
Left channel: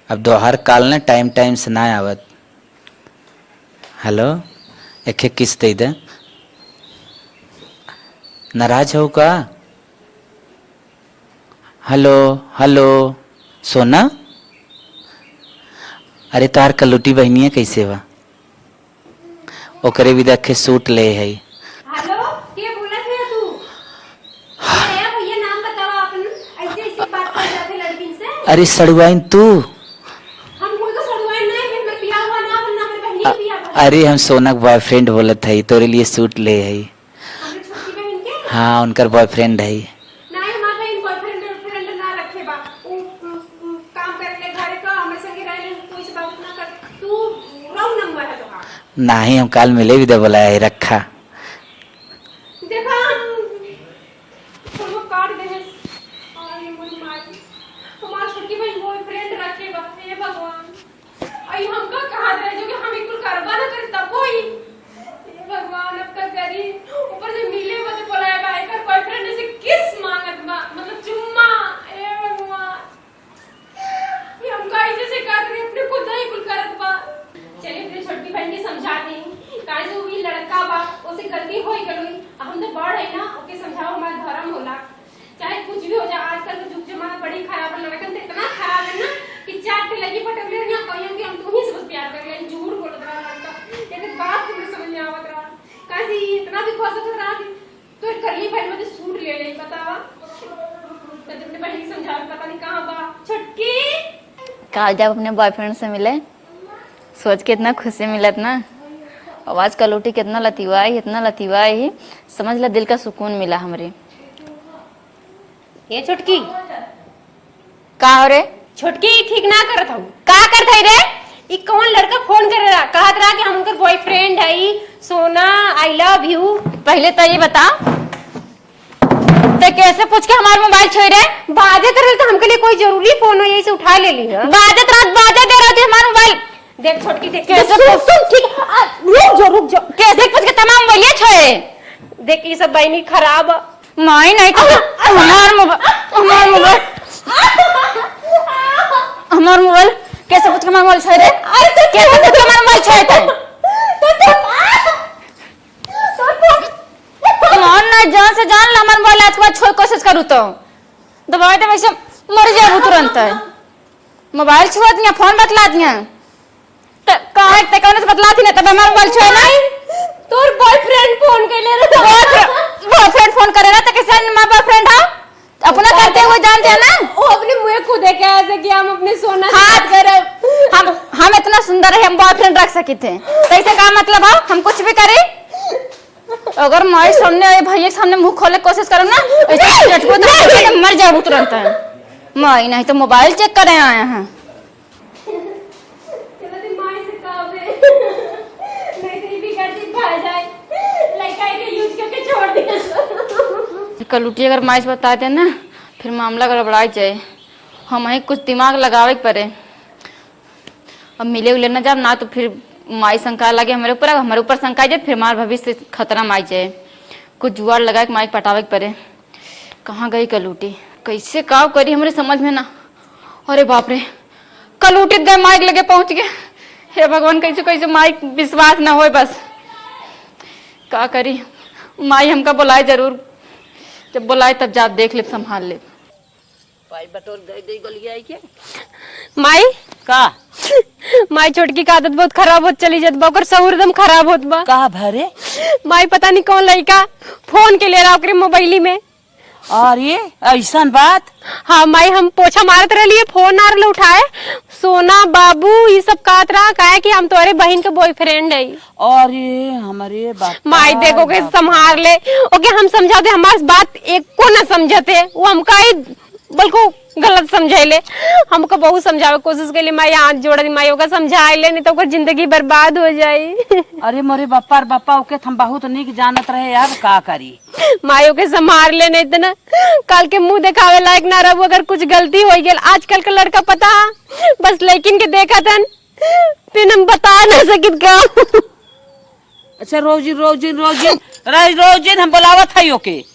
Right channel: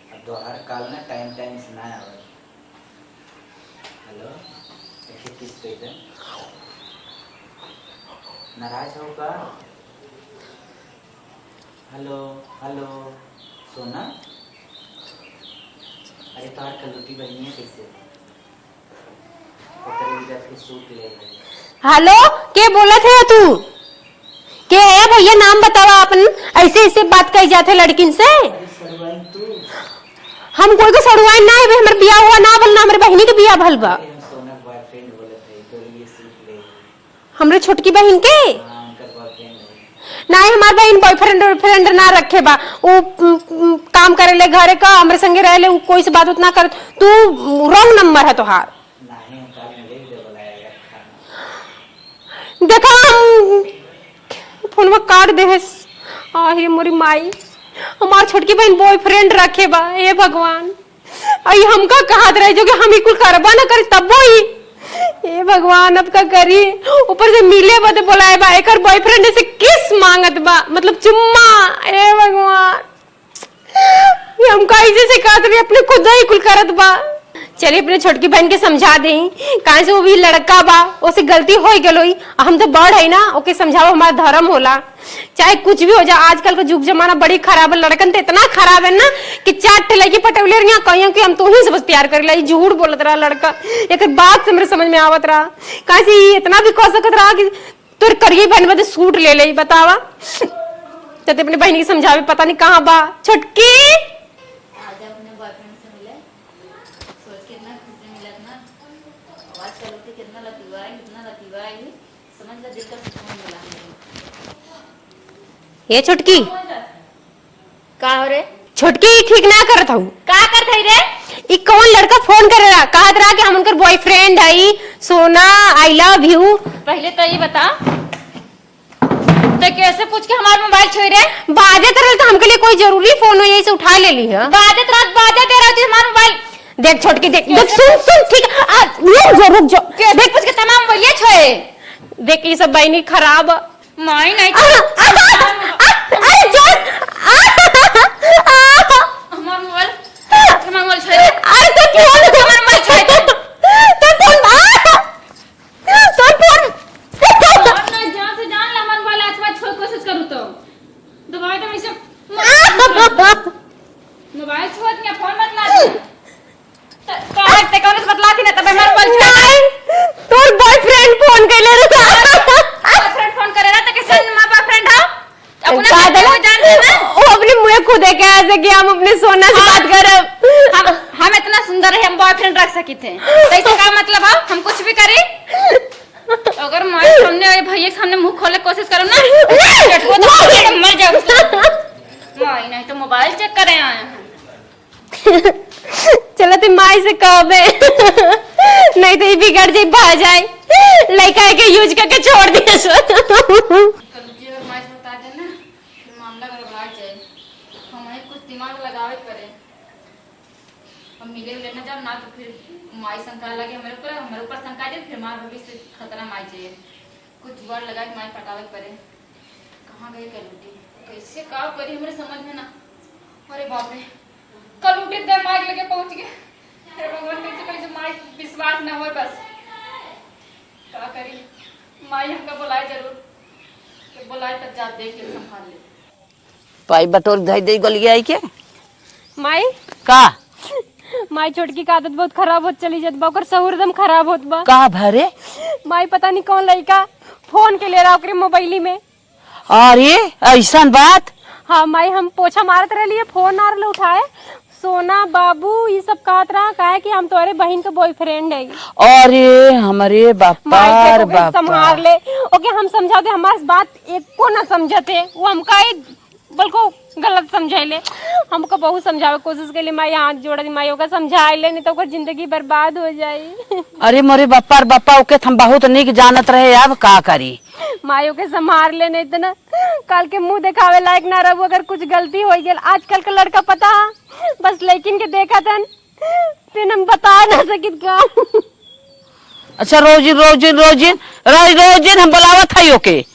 अब दोहर काल ना टाइम टाइम से ना आवत। हेलो एक किस दे दे, नाराज हो का? हेलो हेलो सोना, अरे तार कलुटी बहनिया कैसे बा? ओकरे भी देखे सूट ले है। हेलो के बोलत है तू? के है भैया नाम बतावा अपन, ऐसे ऐसे बात कही जाते लड़किन से। अरे सड़ुआइन तू, हम कोई को सड़वाए ना है, हमारे बिया हुआ ना बोलना, हमारे बहनी के बिया भल बा। अरे हम सोना के बॉयफ्रेंड बोलत है, तोरे लिए सूट ले है। हमरे छोटकी बहन के हाँ उनकर बॉयफ्रेंड है। ना है, हमार बहन बॉयफ्रेंड ना रखे बा। वो काम करे ले घरे का, हमरे संगे रहे ले, कोई से बात उतना कर। तू रॉन्ग नंबर है तोहार। नहीं हम काल मिले भी दे बोलाया है, रखा देखा फोन में काट दे है। आहे मोरी माई, हमार छोटकी बहन बॉयफ्रेंड रखे बा। हे भगवान, आई हमका कहात रहे जो कि हम ही कुल करबा ना करी तब ही। हे भगवान, अब का करी? ऊपर से मिले बते बोलाए बा, एकर बॉयफ्रेंड से किस मांगत बा, मतलब चुम्मा। हे भगवान, ये हम कैसे से कहत रही, अपने खुद ही कुल करत बा। चलिए अपने छोटकी बहन के समझा दे, काहे से वो भी लड़का बा, ओसे गलती हो गई। हम तो बड़ है ना, ओके समझाओ, हमारा धर्म होला। चाहे कुछ भी हो जाए, आजकल का युग जमाना बड़ी खराब है। लड़कन तो इतना खराब है ना कि 4 लड़की पटौले रही कहियो कि हम तो ही से बस प्यार कर लाई। झूठ बोलत रहा लड़का, एक बात से मेरे समझ में आवत रहा। काहे से इतना भी कह सकत रहा कि तोर करिए बहन बदे सूट ले ले, बतावा। तो अपने बहन की समझावे, पता नहीं कहाँ बा छोटकी। कल जब अपने बॉयफ्रेंड से मिले, सोच के इतना खुशी मिलत ना। आवाज कलूटी कितना लतीवाई, इतना लतीवाई, समझ ला दिल का सुकून मिला हमरे। ये छोटकी का हो रे? छोटकी ठीक ना करत हूँ। का करत है रे? ई कौन लड़का फोन करे रहा, कहत रहा कि हम उनकर बॉयफ्रेंड है, सोना आई लव यू। पहले तो ये बता, तो कैसे पूछ के हमारा मोबाइल छोड़ रे? बाजत रहे तो हमके लिए कोई जरूरी फोन हो, यही से उठा ले ली है। बाजत रात बाजे दे रही थी हमारा मोबाइल। देख छोटकी, देख सुन ठीक है, रुक जा। देख पूछ के तमाम मोबाइल छोड़े। देख ये सब बहनी खराब। नहीं नहीं, हमारा मोबाइल कैसे पूछ के हमारा मोबाइल छोड़ रे? कैसे पूछ के हमारा मोबाइल छोड़? जान से जान ला हमारा मोबाइल, आज के बाद छोड़ कोशिश करूँ तो दबाई तो वैसे मर जाऊँ तुरंत। मोबाइल छुआ दिया, फोन बतला दिया, कौन से बतला थी ना, तब हमारा मोबाइल छुआ ना। तोर बॉयफ्रेंड फोन कर ले रे, बॉयफ्रेंड फोन करे ना तो कैसे हमारा बॉयफ्रेंड है? अपना कहते हुए जान दे ना, वो अपने मुंह खुद है कैसे कि हम अपने सोना से बात करें। हम इतना सुंदर है, हम बॉयफ्रेंड रख सके थे, कैसे का मतलब है? हम कुछ भी करें, अगर हमारे सामने भैया के सामने मुंह खोले कोशिश करो ना, तो मर जाओ तुरंत। मैं नहीं तो मोबाइल चेक करे आए हैं। चलो तुम माई से कहबे, नहीं तो ये बिगड़ जाए, भा जाए, लड़का के यूज करके छोड़ दिए। कलूटी अगर माई से बता दे ना, फिर मामला गड़बड़ा जाए। हम ही कुछ दिमाग लगावे पड़े। अब मिले उले ना जब ना, तो फिर माई शंका लगे हमारे ऊपर शंका जाए, फिर हमारे भविष्य से खतरा माई जाए। कुछ जुआर लगा के माई पटावे पड़े। कहाँ गई कलूटी, कैसे काव करी हमारे समझ में ना। अरे बाप रे, कलूटी गए, माइक लगे पहुंच गए। हे भगवान, कैसे कैसे माइक विश्वास ना हो, बस का करी। माई हमका बुलाए जरूर, जब बुलाए तब जाप देख ले, संभाल ले। पाई बटोर धई दे गलिया आई के माई का माई छोटकी का आदत बहुत खराब होत चली जात बा, ओकर सहूर एकदम खराब होत बा। का भरे? माई पता नहीं कौन लड़का फोन के ले रहा ओकरे मोबाइली में। अरे ऐसा बात? हाँ माई, हम पोछा मारत रहे, फोन आ रहा उठाए, सोना बाबू ये सब कहत रहा, कहे कि हम तुम्हारे बहन के बॉयफ्रेंड है। अरे हमारे बापा, माई देखो के संभाल ले, ओके हम समझाते, हमारी बात एक को ना समझते, वो हमका ही बिल्कुल गलत समझाइले। हमको बहुत समझावे कोशिश के लिए, माई हाथ जोड़ दी, माई ओका समझाए ले, नहीं तो ओकर जिंदगी बर्बाद हो जाए। अरे मोरे बापा ओके हम बहुत निक जानत रहे, अब का करी। माई ओके संभाल ले, नहीं तो ना कल के मुंह दिखावे लायक ना रहो अगर कुछ गलती हो गई। आजकल का लड़का पता बस लेकिन के देखा था, फिर हम बता ना सकित का। अच्छा रोजिन हम बुलावत है ओके।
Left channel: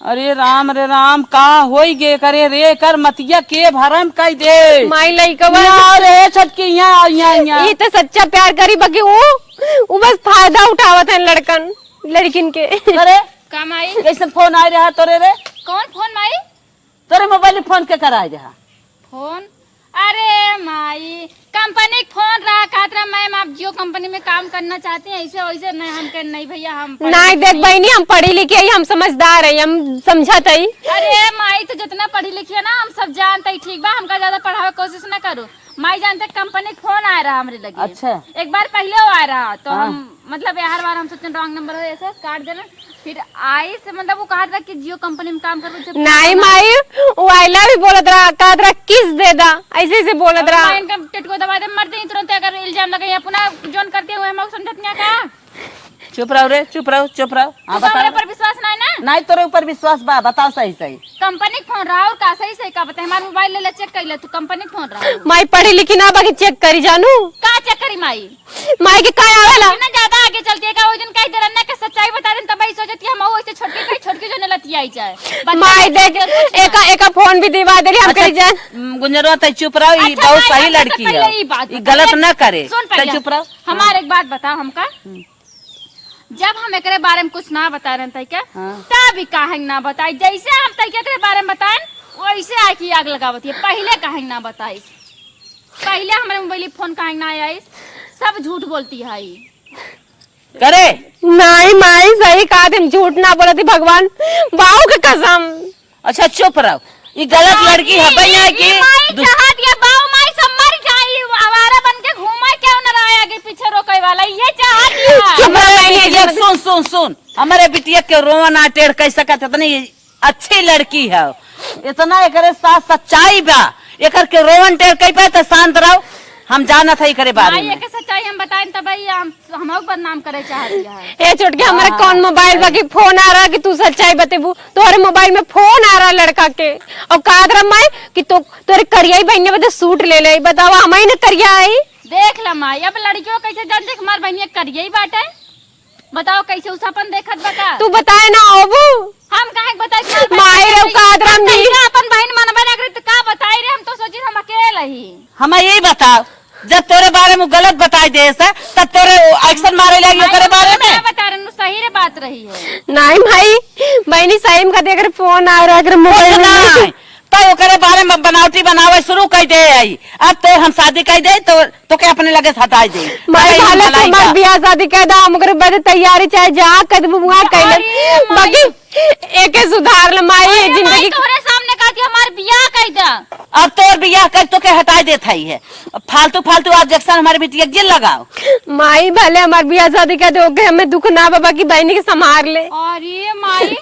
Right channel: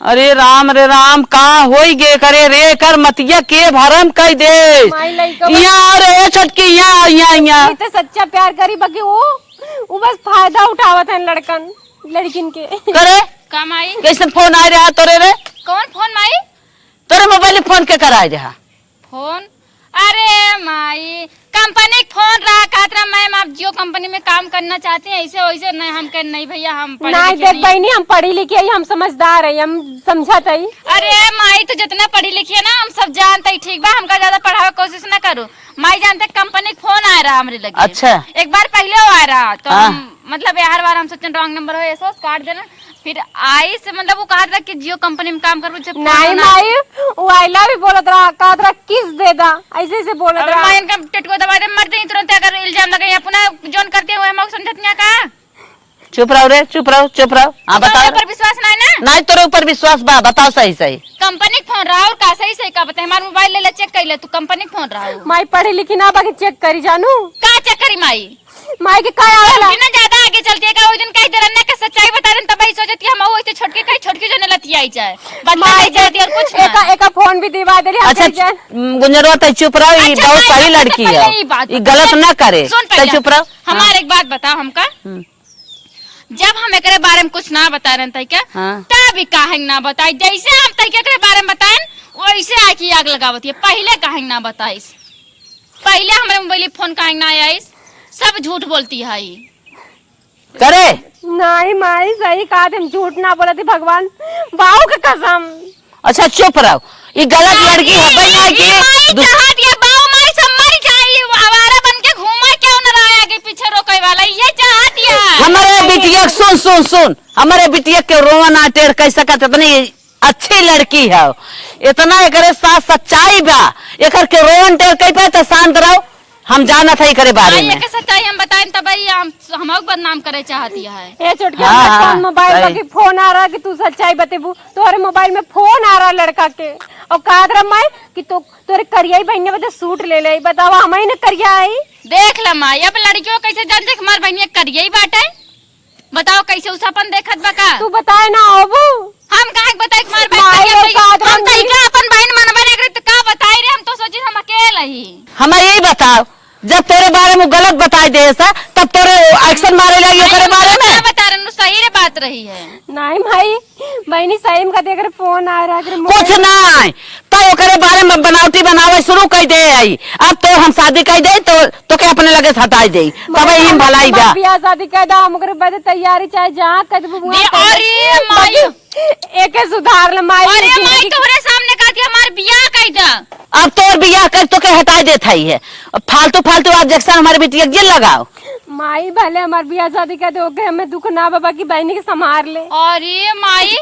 अरे राम का होई गे करे रे, कर मतिया के भरम कह दे। माई लइका रे छटकी, यहाँ ये तो सच्चा प्यार करी, बाकी वो बस फायदा उठावत है लड़किन के। करे का माई? कैसे फोन आ रहा तोरे रे? कौन फोन माई? तोरे मोबाइल फोन के कराए रहा फोन? अरे माई, कंपनी फोन रहा, कहत रहा मैम आप जियो कंपनी में काम करना चाहते हैं ऐसे वैसे नहीं, हम कर नहीं भैया, हम पढ़े नहीं लिखे देख बहनी, हम पढ़ी लिखी है, हम समझदार है, हम समझत है। अरे माई तो जितना पढ़ी लिखी है ना हम सब जानते हैं, ठीक बा, हमका ज्यादा पढ़ावे कोशिश ना करो। माई जानते कंपनी फोन आ रहा हमरे लगे। अच्छा। एक बार पहले वो आ रहा तो हाँ। मतलब हर बार हम सोचे रॉन्ग नंबर हो ऐसा काट देना, फिर आई से मतलब वो कहा था कि जियो कंपनी में काम करो। जब नहीं माई, वो आइला भी बोलत रहा, कहा रहा किस दे दा, ऐसे ऐसे बोलत रहा। मैं इनका टिटको दबा दे मर दे तुरंत, अगर इल्जाम लगे पुनः जोन करते हुए हम समझत नहीं का। चुप रहो रे, चुप रहो, चुप रहो। हाँ बता। पर विश्वास नहीं ना? नहीं तोरे ऊपर विश्वास बा, बताओ सही सही। कंपनी फोन रहा और का सही सही का बताए, हमारा मोबाइल ले ले चेक कर ले, तू कंपनी फोन रहा माई पढ़ी लिखी ना बाकी चेक करी जानू। का चेक करी माई? माई के का आवेला ना ज्यादा आगे चलते का वो दिन कह दे रहा का सच्चाई बता रहे तब ही सोचती हम वो इतने छोटकी जो न लती आई जाए। माई एक फोन भी दिवा दे रही हम अच्छा करी जाए। गुंजरवा तय चुप रहो, ये अच्छा, बहुत सही पहले लड़की पहले है, ये बात ये बता। गलत ना करे। सुन चल पहले चुप रहो। हमारे एक बात बताओ हमका, जब हम एकरे बारे में कुछ ना बता रहे थे क्या हाँ। तब काहे ना बताई, जैसे हम तय के बारे में बताएं वैसे आके आग लगावती है। पहले काहे ना बताइस, पहले हमारे मोबाइल फोन काहे ना आइस, सब झूठ बोलती है ये। करे नहीं माई सही कहा, तुम झूठ ना बोला थी भगवान बाऊ के कसम। अच्छा चुप रहो, ये गलत लड़की है भैया की। हमारे बिटिया सुन सुन सुन, हमारे बिटिया के रोवन टेढ़ कैसे का इतनी अच्छी लड़की है, इतना एकरे साथ सच्चाई बा, एकर के रोवन टेढ़ कई पे तो शांत रहो, हम जाना था करे बारे में। सच्चाई हम बताएं तब हम बदनाम करे चाहती है। ए छुटके हमारे कौन मोबाइल लगी फोन आ रहा है कि तू सच्चाई बतेबू, तोहरे मोबाइल में फोन आ रहा लड़का के, और कहा कर मैं कि तो तोरे करिया बहन बता सूट ले ले, बतावा हमारी ने करिया आई। देख ला माई, अब लड़कियों कैसे जानते हमारे बहनिया करिए ही बाटे, बताओ कैसे उसापन देखत बका। तू बताए ना अबू, हम काहे बताए अपन बहन मनबे ना करे तो का बताई रे, हम तो सोची हम अकेले ही। हमें यही बताओ, जब तेरे बारे में गलत बताई दे सा तब तेरे एक्शन मारे लगी तेरे बारे में। बता रहे सही रे बात रही है। नहीं भाई बहनी सही में देख फोन आ रहा है कुछ मोबाइल नहीं तो ओकरे बारे में बनावटी बनावे शुरू कर दे आई, अब तो हम शादी कर दे तो के अपने लगे हटाई दे भलाई बा। बियाह शादी कह दो हम बड़े तैयारी चाहे जा कदम एक सुधार जिंदगी तुम्हारे सामने कहा कि हमारे बियाह कर जा, अब तो बियाह कर तो के हटाई देता ही है, फालतू फालतू ऑब्जेक्शन हमारे बेटिया जेल लगाओ। माई भले हमारे बियाह शादी कह दो हमें दुख ना बाबा की बहनी के संभाल ले। अरे माई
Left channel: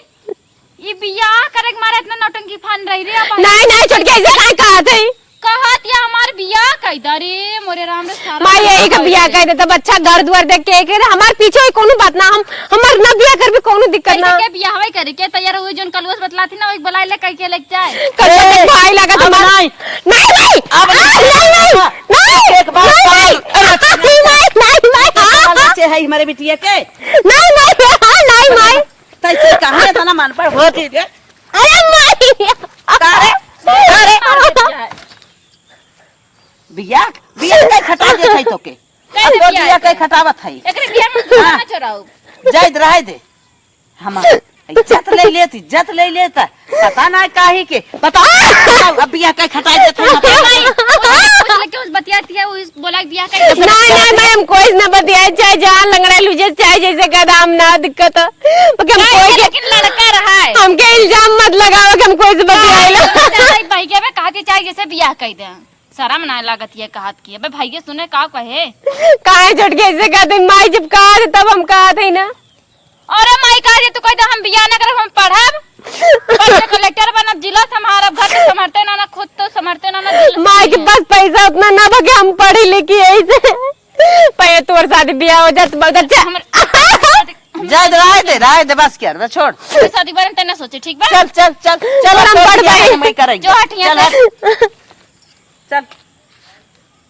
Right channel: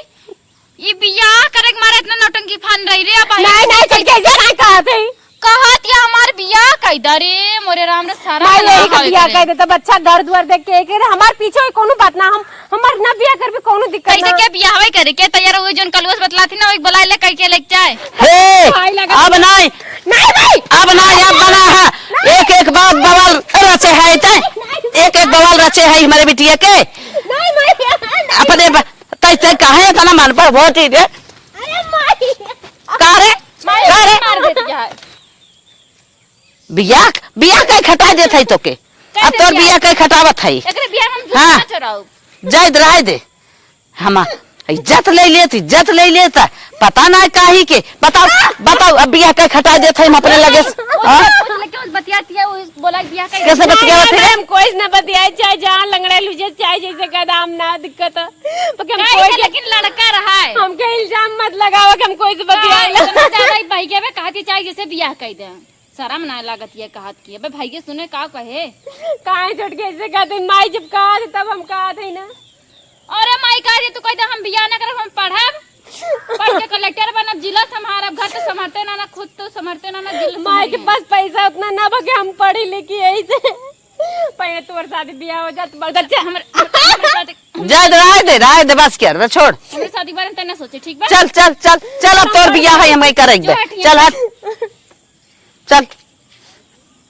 ये बियाह करे मारे इतना नौटंकी फन रही रे। नहीं नहीं छोड़ के ऐसा नहीं कहा थे, कहत या हमार बियाह कह दरे मोरे राम रे सारा माई यही का बियाह कह दे तब अच्छा घर द्वार देख के हमारे पीछे कोनो बात ना, हम हमार ना बियाह कर भी कोनो दिक्कत ना। कैसे के बियाह होई करे के तैयार हुए जोन कलवस बतलाती ना एक बुला ले कह के लेके जाए। भाई लगा अब नहीं नहीं भाई अब नहीं एक एक बार बवाल रचे है, एक एक बवाल रचे है हमारे बिटिया के। नहीं नहीं अपने कैसे कहा था ना मन पर बहुत ही दे। अरे माई अरे अरे बियाह बियाह के खटा देत है तो के, अब तो बियाह के खटावत है। एकरे बियाह में हाँ। चोराओ जय राय दे हम इज्जत ले लेता पता ना काहे के, बताओ बताओ अब बियाह के खटा देत है अपने लगे। क्यों बतियाती है वो बोला बियाह कर कैसे नहीं मैम कोई ना बतिया चाहे जहाँ लंगड़ा लुझे चाहे जैसे कदम ना दिक्कत लेकिन लड़का रहा है। हमके इल्जाम मत लगाओ कि हम कोई से बतियाइला। भाई के में कहती चाहे जैसे बियाह कर दे, शर्म ना लागत ये कहत की अबे भाई के सुने का कहे काहे छोड़ के ऐसे कहते माई जब कहा थे तब हम कहा थे ना। अरे माई कह तू कहते हम बियाह ना करब हम पढ़ब कलेक्टर बनब जिला संभारब घर के संभालते ना खुद तो संभालते ना माई के पास पैसा उतना ना बके हम पढ़ी लिखी ऐसे पहले तोर शादी बियाह हो जात बहुत अच्छा। जय राय दे बस कर छोड़ शादी बारे में तेने सोचे ठीक बा। चल चल चल चल तो बियाह है मैं करेंगे चल हट चल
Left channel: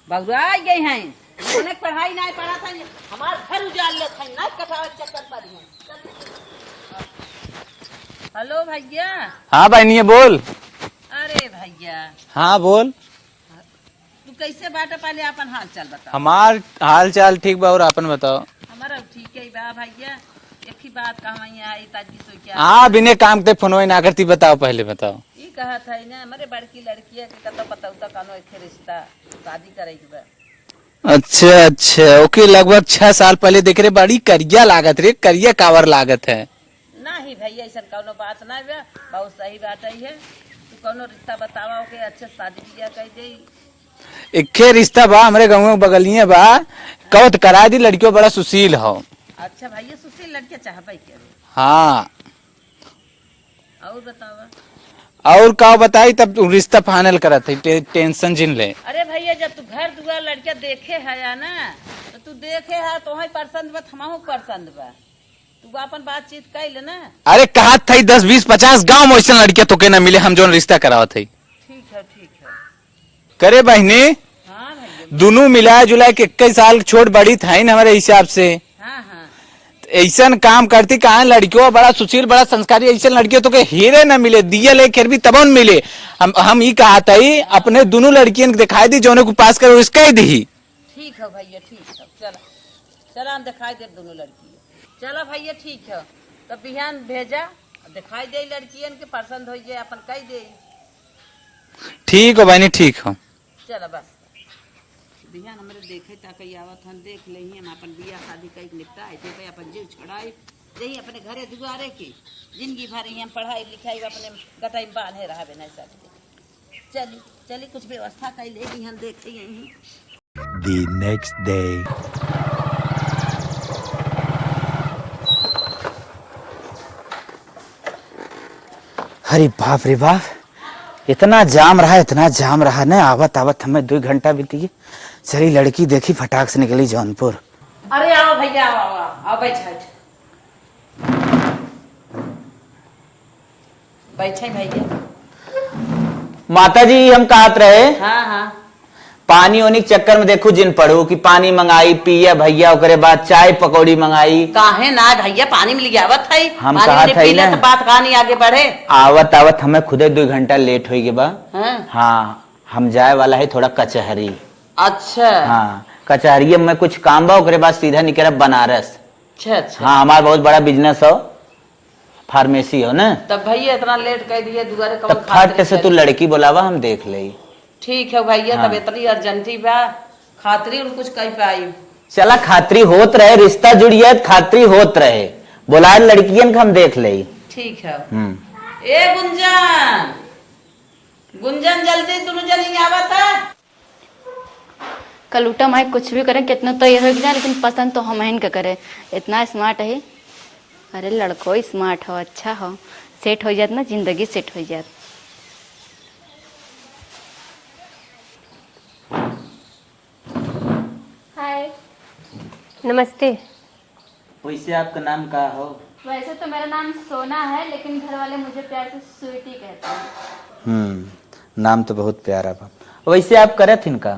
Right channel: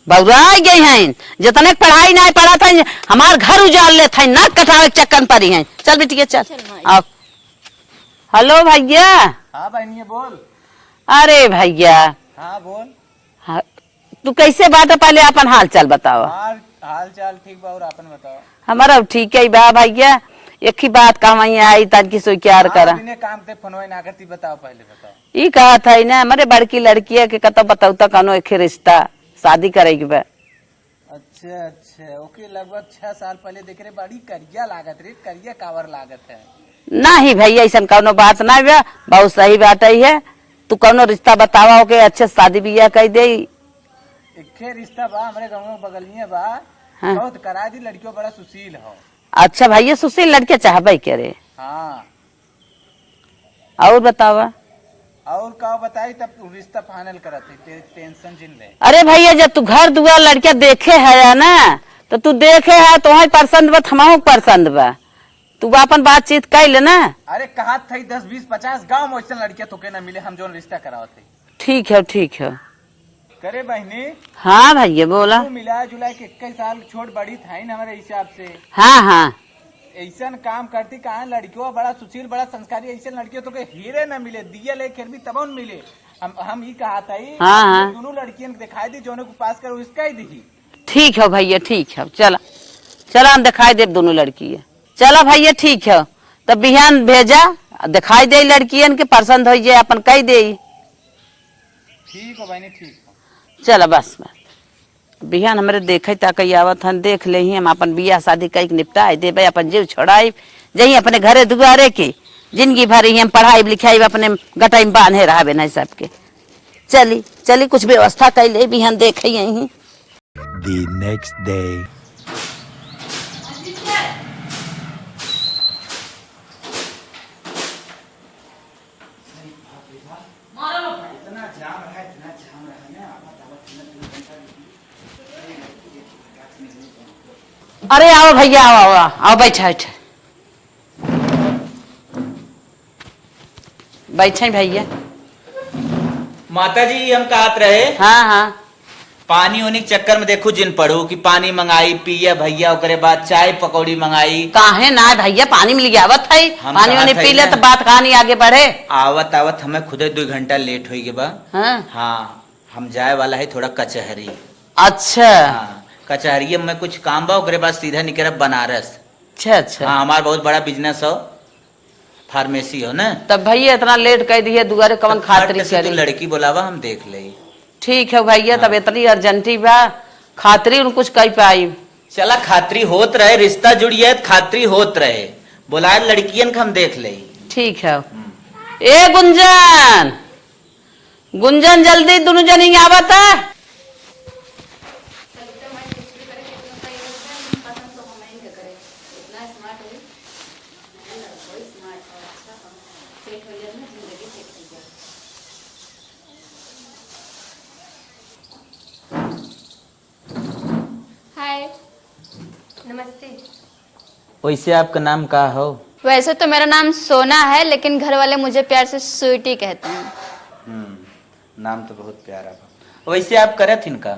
बउरा गई हैं जितने पढ़ाई नहीं पढ़ा था हमार घर उजाड़ ले था नाक कटावे चक्कर पड़ी हैं। चल बेटी चल अब हेलो भैया। हाँ बहनिया बोल। अरे भैया हाँ बोल। हाँ, तू कैसे बात है पहले अपन हाल चाल बताओ। हमार हाल चाल ठीक बा और अपन बताओ। हमारा ठीक है बा भैया, एक ही बात कहा आई ताकि सो क्या हाँ बिना काम के फोन ना करती, बताओ पहले बताओ। ये कहा था ना हमारे बड़की लड़की है कि कतो बताऊ तो कनो एक रिश्ता शादी करेगी बा। अच्छा अच्छा, ओके। लगभग 6 साल पहले देख रहे, बड़ी करिया लागत रे, करिया कावर लागत है। नहीं भैया ऐसा कौनो बात ना बा, बहुत सही बात है। तू कौनो रिश्ता बतावा हो के अच्छे से शादी बियाह कर दे। इक्के रिश्ता बा हमारे गाँव में बगलिए बा। कहो तो करा दी, लड़कियों बड़ा सुशील हो। अच्छा भैया सुशील लड़के चाहबे करे। हाँ, और बतावा। और का बताई, तब तू रिश्ता फाइनल करत है, टेंशन जिन ले। अरे भैया जब तू घर दुआर लड़के देखे है ना, तो तू देखे है तो पसंद बा, हमारे पसंद बा, तू अपन बातचीत कर ले ना। अरे कहा था 10 20 50 गांव में ऐसा लड़कियां तो के ना मिले, हम जो रिश्ता करावत है। ठीक है ठीक है। करे बहनी। हाँ भैया बोला। दोनों मिला जुला के 21 साल छोट बड़ी था ना हमारे हिसाब से। हाँ हाँ। ऐसा काम करती कहा, लड़कियों बड़ा सुशील बड़ा संस्कारी, ऐसा लड़कियों तो के हीरे न मिले, दिया ले फिर भी तब मिले। हम ये कहा था हाँ, अपने दोनों लड़कियों दिखाई दी, जो को पास करो इसका ही दी। ठीक है भैया ठीक है। चला चला हम दिखाई दे दोनों लड़की। चला भैया ठीक है, तब बिहान भेजा, दिखाई दे लड़कियन के पसंद हो जाए अपन कह दे। ठीक हो बहनी, ठीक हो। चला बस बिहान हमारे देखे तक आवत हन, देख ले ही हम अपन बियाह शादी कई निपटाए देवे, अपन जीव छोड़ाई जही अपने घरे दुआरे के जिंदगी भर ही हम पढ़ाई लिखाई अपने गटाई में बांधे रहा ना सबके। चली चली कुछ व्यवस्था कर ले, बिहान देखे यही। The next day. अरे बाप रे बाप, इतना जाम रहा ना, आवत आवत हमें 2 घंटा बीती गई। चली लड़की देखी, फटाक से निकली जौनपुर। अरे आओ भैया आओ आओ आओ, बैठे बैठे भैया। माता जी हम कहत रहे, हाँ हाँ। पानी ओनी के चक्कर में देखो जिन पढ़ो कि पानी मंगाई पिया भैया, ओकरे बाद चाय पकौड़ी मंगाई। काहे ना भैया, पानी मिल गया आवत है, हम पानी कहा वानी था पी ले ना। तो बात कहानी आगे बढ़े। आवत आवत हमें खुदे 2 घंटा लेट हो गए बा। हाँ? हाँ, हम जाए वाला है थोड़ा कचहरी। अच्छा हाँ, कचहरी में कुछ काम बा, ओकरे बाद सीधा निकलब बनारस। अच्छा अच्छा। हाँ, हमारा बहुत बड़ा बिजनेस हो, फार्मेसी हो ना। तब भैया इतना लेट कर दिए, दुआरे कवन तब खातिर फट से तू लड़की बोलावा, हम देख ले। ठीक है भैया। हाँ। तब इतनी अर्जेंटी बा, खातरी उन कुछ कर पाई। चला खातरी होत रहे, रिश्ता जुड़िए खातरी होत रहे, बोलाए लड़कियन का हम देख ले। ठीक है। ए गुंजन, गुंजन जल्दी दोनों जनी आवत है। कलूटा माई कुछ भी करें, कितना तो ये हो गया, लेकिन पसंद तो हम इनका करे। इतना स्मार्ट है। अरे लड़को स्मार्ट हो, अच्छा हो, सेट हो जात ना, जिंदगी सेट हो जात। हाय। नमस्ते। वैसे आपका नाम का हो? वैसे तो मेरा नाम सोना है, लेकिन घर वाले मुझे प्यार से स्वीटी कहते हैं। नाम तो बहुत प्यारा बा। वैसे आप करत इनका?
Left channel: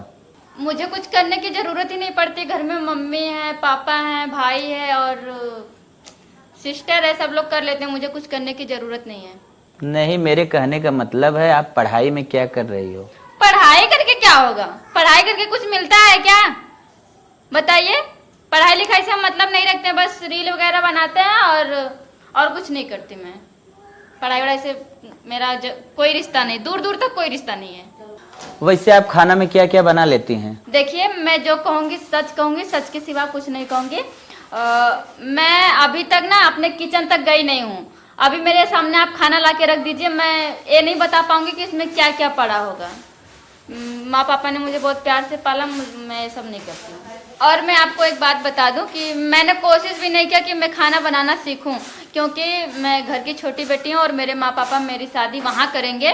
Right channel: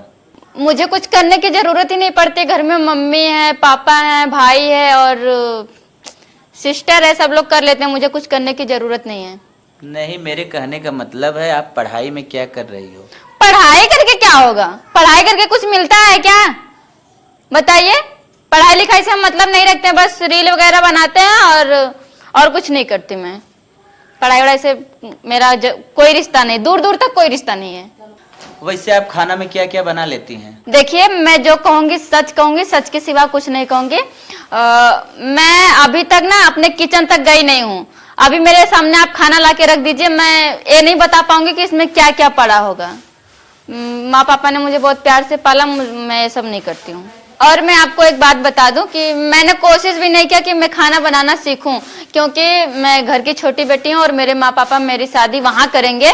मुझे कुछ करने की जरूरत ही नहीं पड़ती, घर में मम्मी है, पापा है, भाई है और सिस्टर है, सब लोग कर लेते हैं, मुझे कुछ करने की जरूरत नहीं है। नहीं, मेरे कहने का मतलब है आप पढ़ाई में क्या कर रही हो? पढ़ाई करके क्या होगा? पढ़ाई करके कुछ मिलता है क्या? बताइए। पढ़ाई लिखाई से हम मतलब नहीं रखते, बस रील वगैरह बनाते हैं और कुछ नहीं करती मैं। पढ़ाई वढ़ाई से मेरा कोई रिश्ता नहीं, दूर दूर तक कोई रिश्ता नहीं है। वैसे आप खाना में क्या क्या बना लेती हैं? देखिए, मैं जो कहूंगी सच कहूंगी, सच के सिवा कुछ नहीं कहूंगी। मैं अभी तक ना अपने किचन तक गई नहीं हूँ। अभी मेरे सामने आप खाना ला के रख दीजिए, मैं ये नहीं बता पाऊंगी कि इसमें क्या क्या पड़ा होगा। माँ पापा ने मुझे बहुत प्यार से पाला, मैं ये सब नहीं करती हूँ। और मैं आपको एक बात बता दूं कि मैंने कोशिश भी नहीं किया कि मैं खाना बनाना सीखूं, क्योंकि मैं घर की छोटी बेटी हूं और मेरे माँ पापा मेरी शादी वहां करेंगे,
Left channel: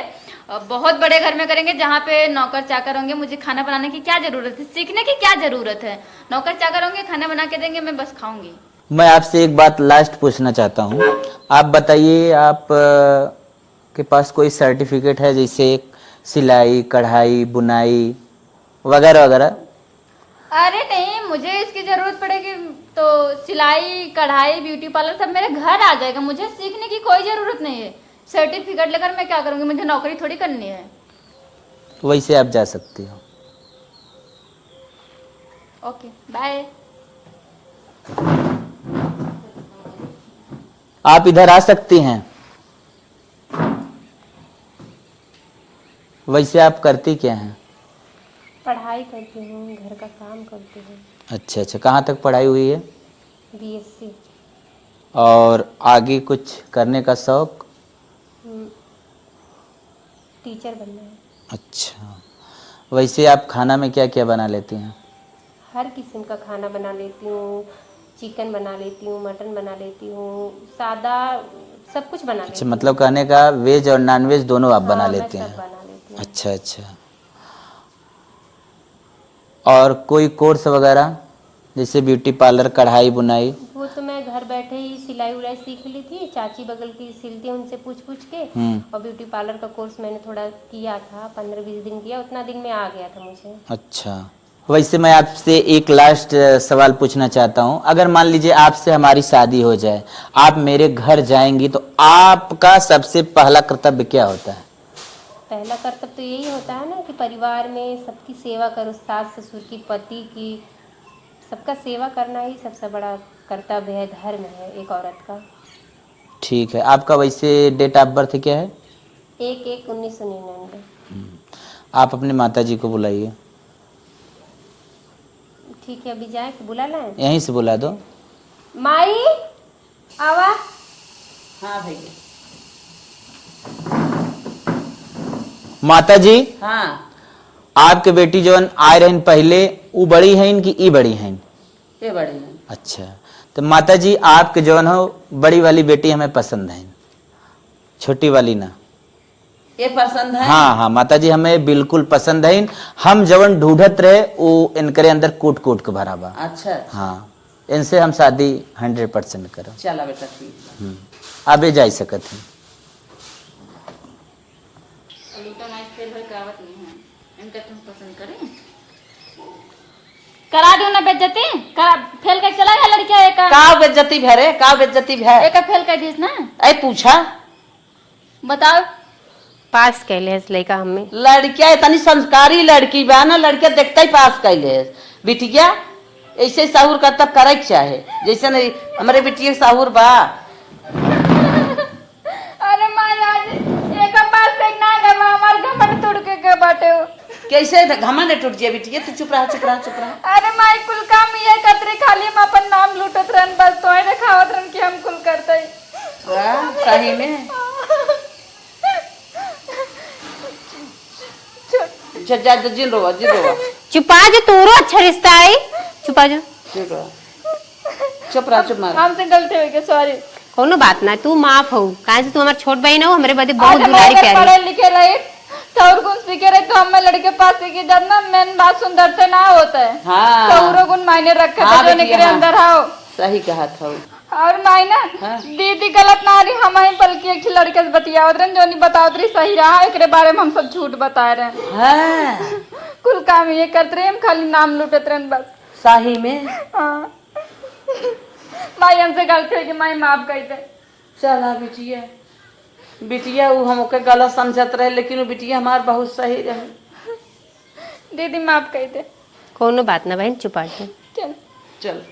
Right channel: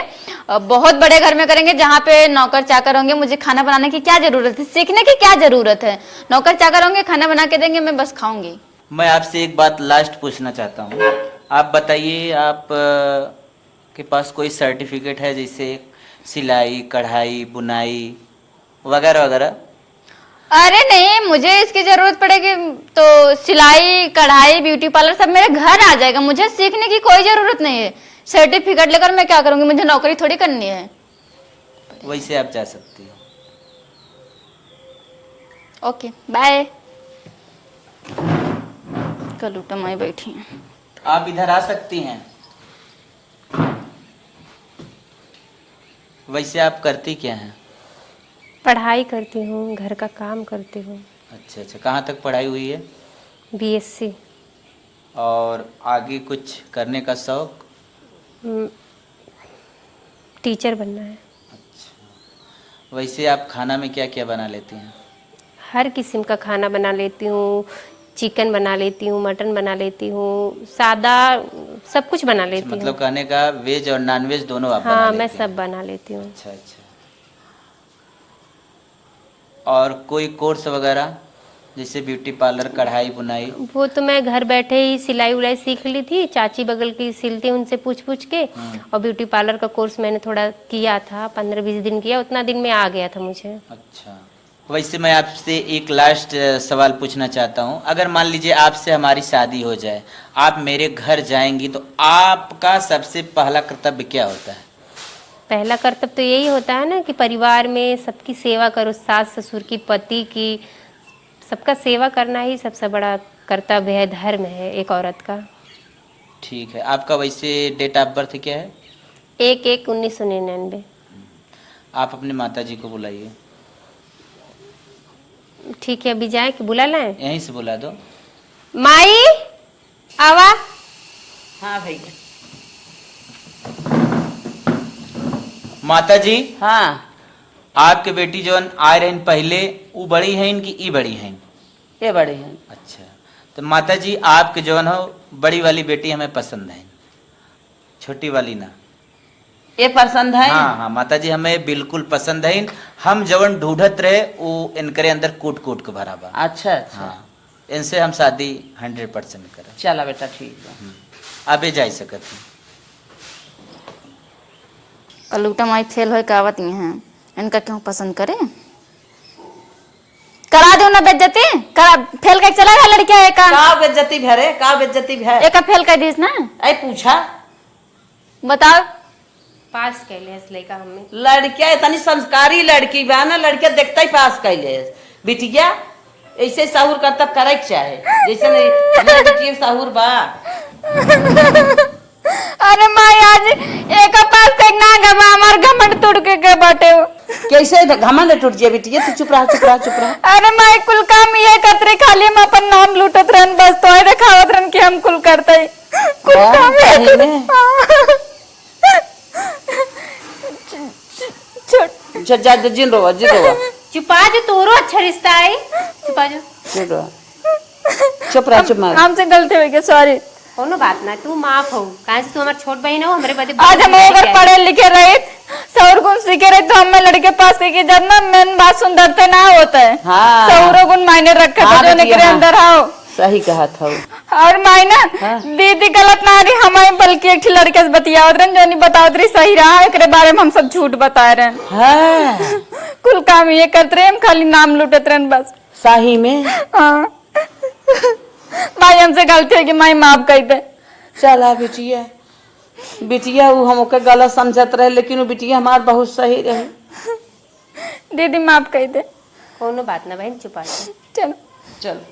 बहुत बड़े घर में करेंगे जहाँ पे नौकर चाकर होंगे। मुझे खाना बनाने की क्या जरूरत है, सीखने की क्या जरूरत है? नौकर चाकर होंगे, खाना बना के देंगे, मैं बस खाऊंगी। मैं आपसे एक बात लास्ट पूछना चाहता हूँ। आप बताइए, आप के पास कोई सर्टिफिकेट है, जैसे सिलाई, कढ़ाई, बुनाई वगैरह वगैरह? अरे नहीं, मुझे इसकी जरूरत पड़ेगी तो सिलाई, कढ़ाई, ब्यूटी पार्लर सब मेरे घर आ जाएगा। मुझे सीखने की कोई जरूरत नहीं है। सर्टिफिकेट लेकर मैं क्या करूंगी? मुझे नौकरी थोड़ी करनी है। वैसे आप जा सकती हो। Okay bye. कलूटा माई बैठी है। आप इधर आ सकती हैं। वैसे आप करती क्या हैं? पढ़ाई करती हूँ, घर का काम करती हूँ। अच्छा अच्छा, कहाँ तक पढ़ाई हुई है? BSc। और आगे कुछ करने का शौक? टीचर बनना है। अच्छा, वैसे आप खाना में क्या क्या बना लेती हैं? हर किस्म का खाना बना लेती हूँ। चिकन बना लेती हूँ, मटन बना लेती हूँ, सादा सब कुछ बना अच्छा, लेती मतलब हूँ। कहने का वेज और नॉन वेज दोनों आप बना हाँ, मैं लेती हैं? सब बना लेती हूँ। अच्छा अच्छा। और कोई कोर्स वगैरह जैसे ब्यूटी पार्लर, कढ़ाई बुनाई? वो तो मैं घर बैठे ही सिलाई उलाई सीख ली थी, चाची बगल की सिलती उनसे पूछ पूछ के। और ब्यूटी पार्लर का कोर्स मैंने थोड़ा किया था, 15-20 दिन किया, उतना दिन में आ गया था मुझे। अच्छा, वैसे मैं आपसे एक लास्ट सवाल पूछना चाहता हूँ। अगर मान लीजिए आपसे हमारी शादी हो जाए, आप मेरे घर जाएंगी, तो आपका सबसे पहला कर्तव्य क्या होता है? पहला कर्तव्य तो यही होता है ना कि परिवार में सबकी सेवा करो, सास ससुर की, पति की, सबका सेवा करना ही सबसे बड़ा कर्तव्य है, धर्म है एक औरत का। ठीक है, आपका वैसे डेट ऑफ बर्थ क्या है? 1/1/1999। आप अपने माता जी को बुलाइए। ठीक है, अभी जाए कि बुला लाएं? यहीं से बुला दो। माई आवा। हाँ भैया। माता जी, हाँ, आपके बेटी जवन आए रहन पहले, वो बड़ी हैं कि ई बड़ी हैं? ये बड़ी है। अच्छा, तो माता जी आपके जवन हो बड़ी वाली बेटी हमें पसंद है, छोटी वाली ना। ये पसंद है? हाँ हाँ माता जी, हमें बिल्कुल पसंद है। हम जवन ढूंढत रहे वो इनकरे अंदर कूट कूट के भरा बा। अच्छा अच्छा, हाँ, इनसे हम शादी 100% करें। चला बेटा ठीक है। आबे जा सकत हैं। कलूटा माई फेल हो कावत हैं, इनका क्यों पसंद करे? करा दो ना बेइज्जती, करा फेल के चला गया लड़किया एक का बेइज्जती भरे, का बेइज्जती भरे? एक फेल कर दीस ना। ऐ पूछा, बताओ। पास कैले है लड़का हमें। लड़किया इतनी संस्कारी लड़की बा ना, लड़किया देखते ही पास कैले। बिटिया ऐसे साहुर का तब करे के चाहे, जैसे नहीं हमारे बिटिया साहुर बा। अरे माई आज एक पास तक ना गवा, हमार घमंड तोड़ के बाटे हो। कैसे घमंड टूट जाए बिटिया, तू चुप रहा चुप रहा चुप रहा। अरे माई कुल काम ये कतरे खाली हम अपन नाम लूटत रहन, बस तो दिखावत रहन कि हम कुल करते कुल हाँ, काम सही में। जा जिन रो जिन रो चुपा जो, तूरो अच्छा रिश्ता है, चुपा जो। चुप रहा चुप मार। हमसे गलती हो गई, सॉरी। कोनो बात ना, तू माफ हो, काहे से तू हमार छोट बहन हो, हमरे बदे आज बहुत हम गुजारी अगर करे। पढ़े लिखे रहे, सौर गुण सीखे रहे, तो हमें लड़के पास लेके जाना मेन बात सुंदरता ना होता है। हाँ। सौर गुण मायने रखे हाँ, जो बिटिया, निकले हाँ। अंदर आओ। सही कहा था वो। और मायना हाँ। दीदी गलत ना रही हमारी, बल्कि एक लड़के से बतियावत रहे, जो नहीं बतावत रही सही रहा, एकरे बारे में हम सब झूठ बता रहे हैं। हाँ, कुल काम ये करते रहे, हम खाली नाम लूटत रहे बस। सही में। हाँ। माई हमसे गलती है कि माई माफ कर दे। चला बिटिया, बिटिया वो हमके गलत समझत रहे, लेकिन वो बिटिया हमार बहुत सही रही। दीदी माफ कर दे। कोनो बात ना बहन, चुपा जो। चलो चल।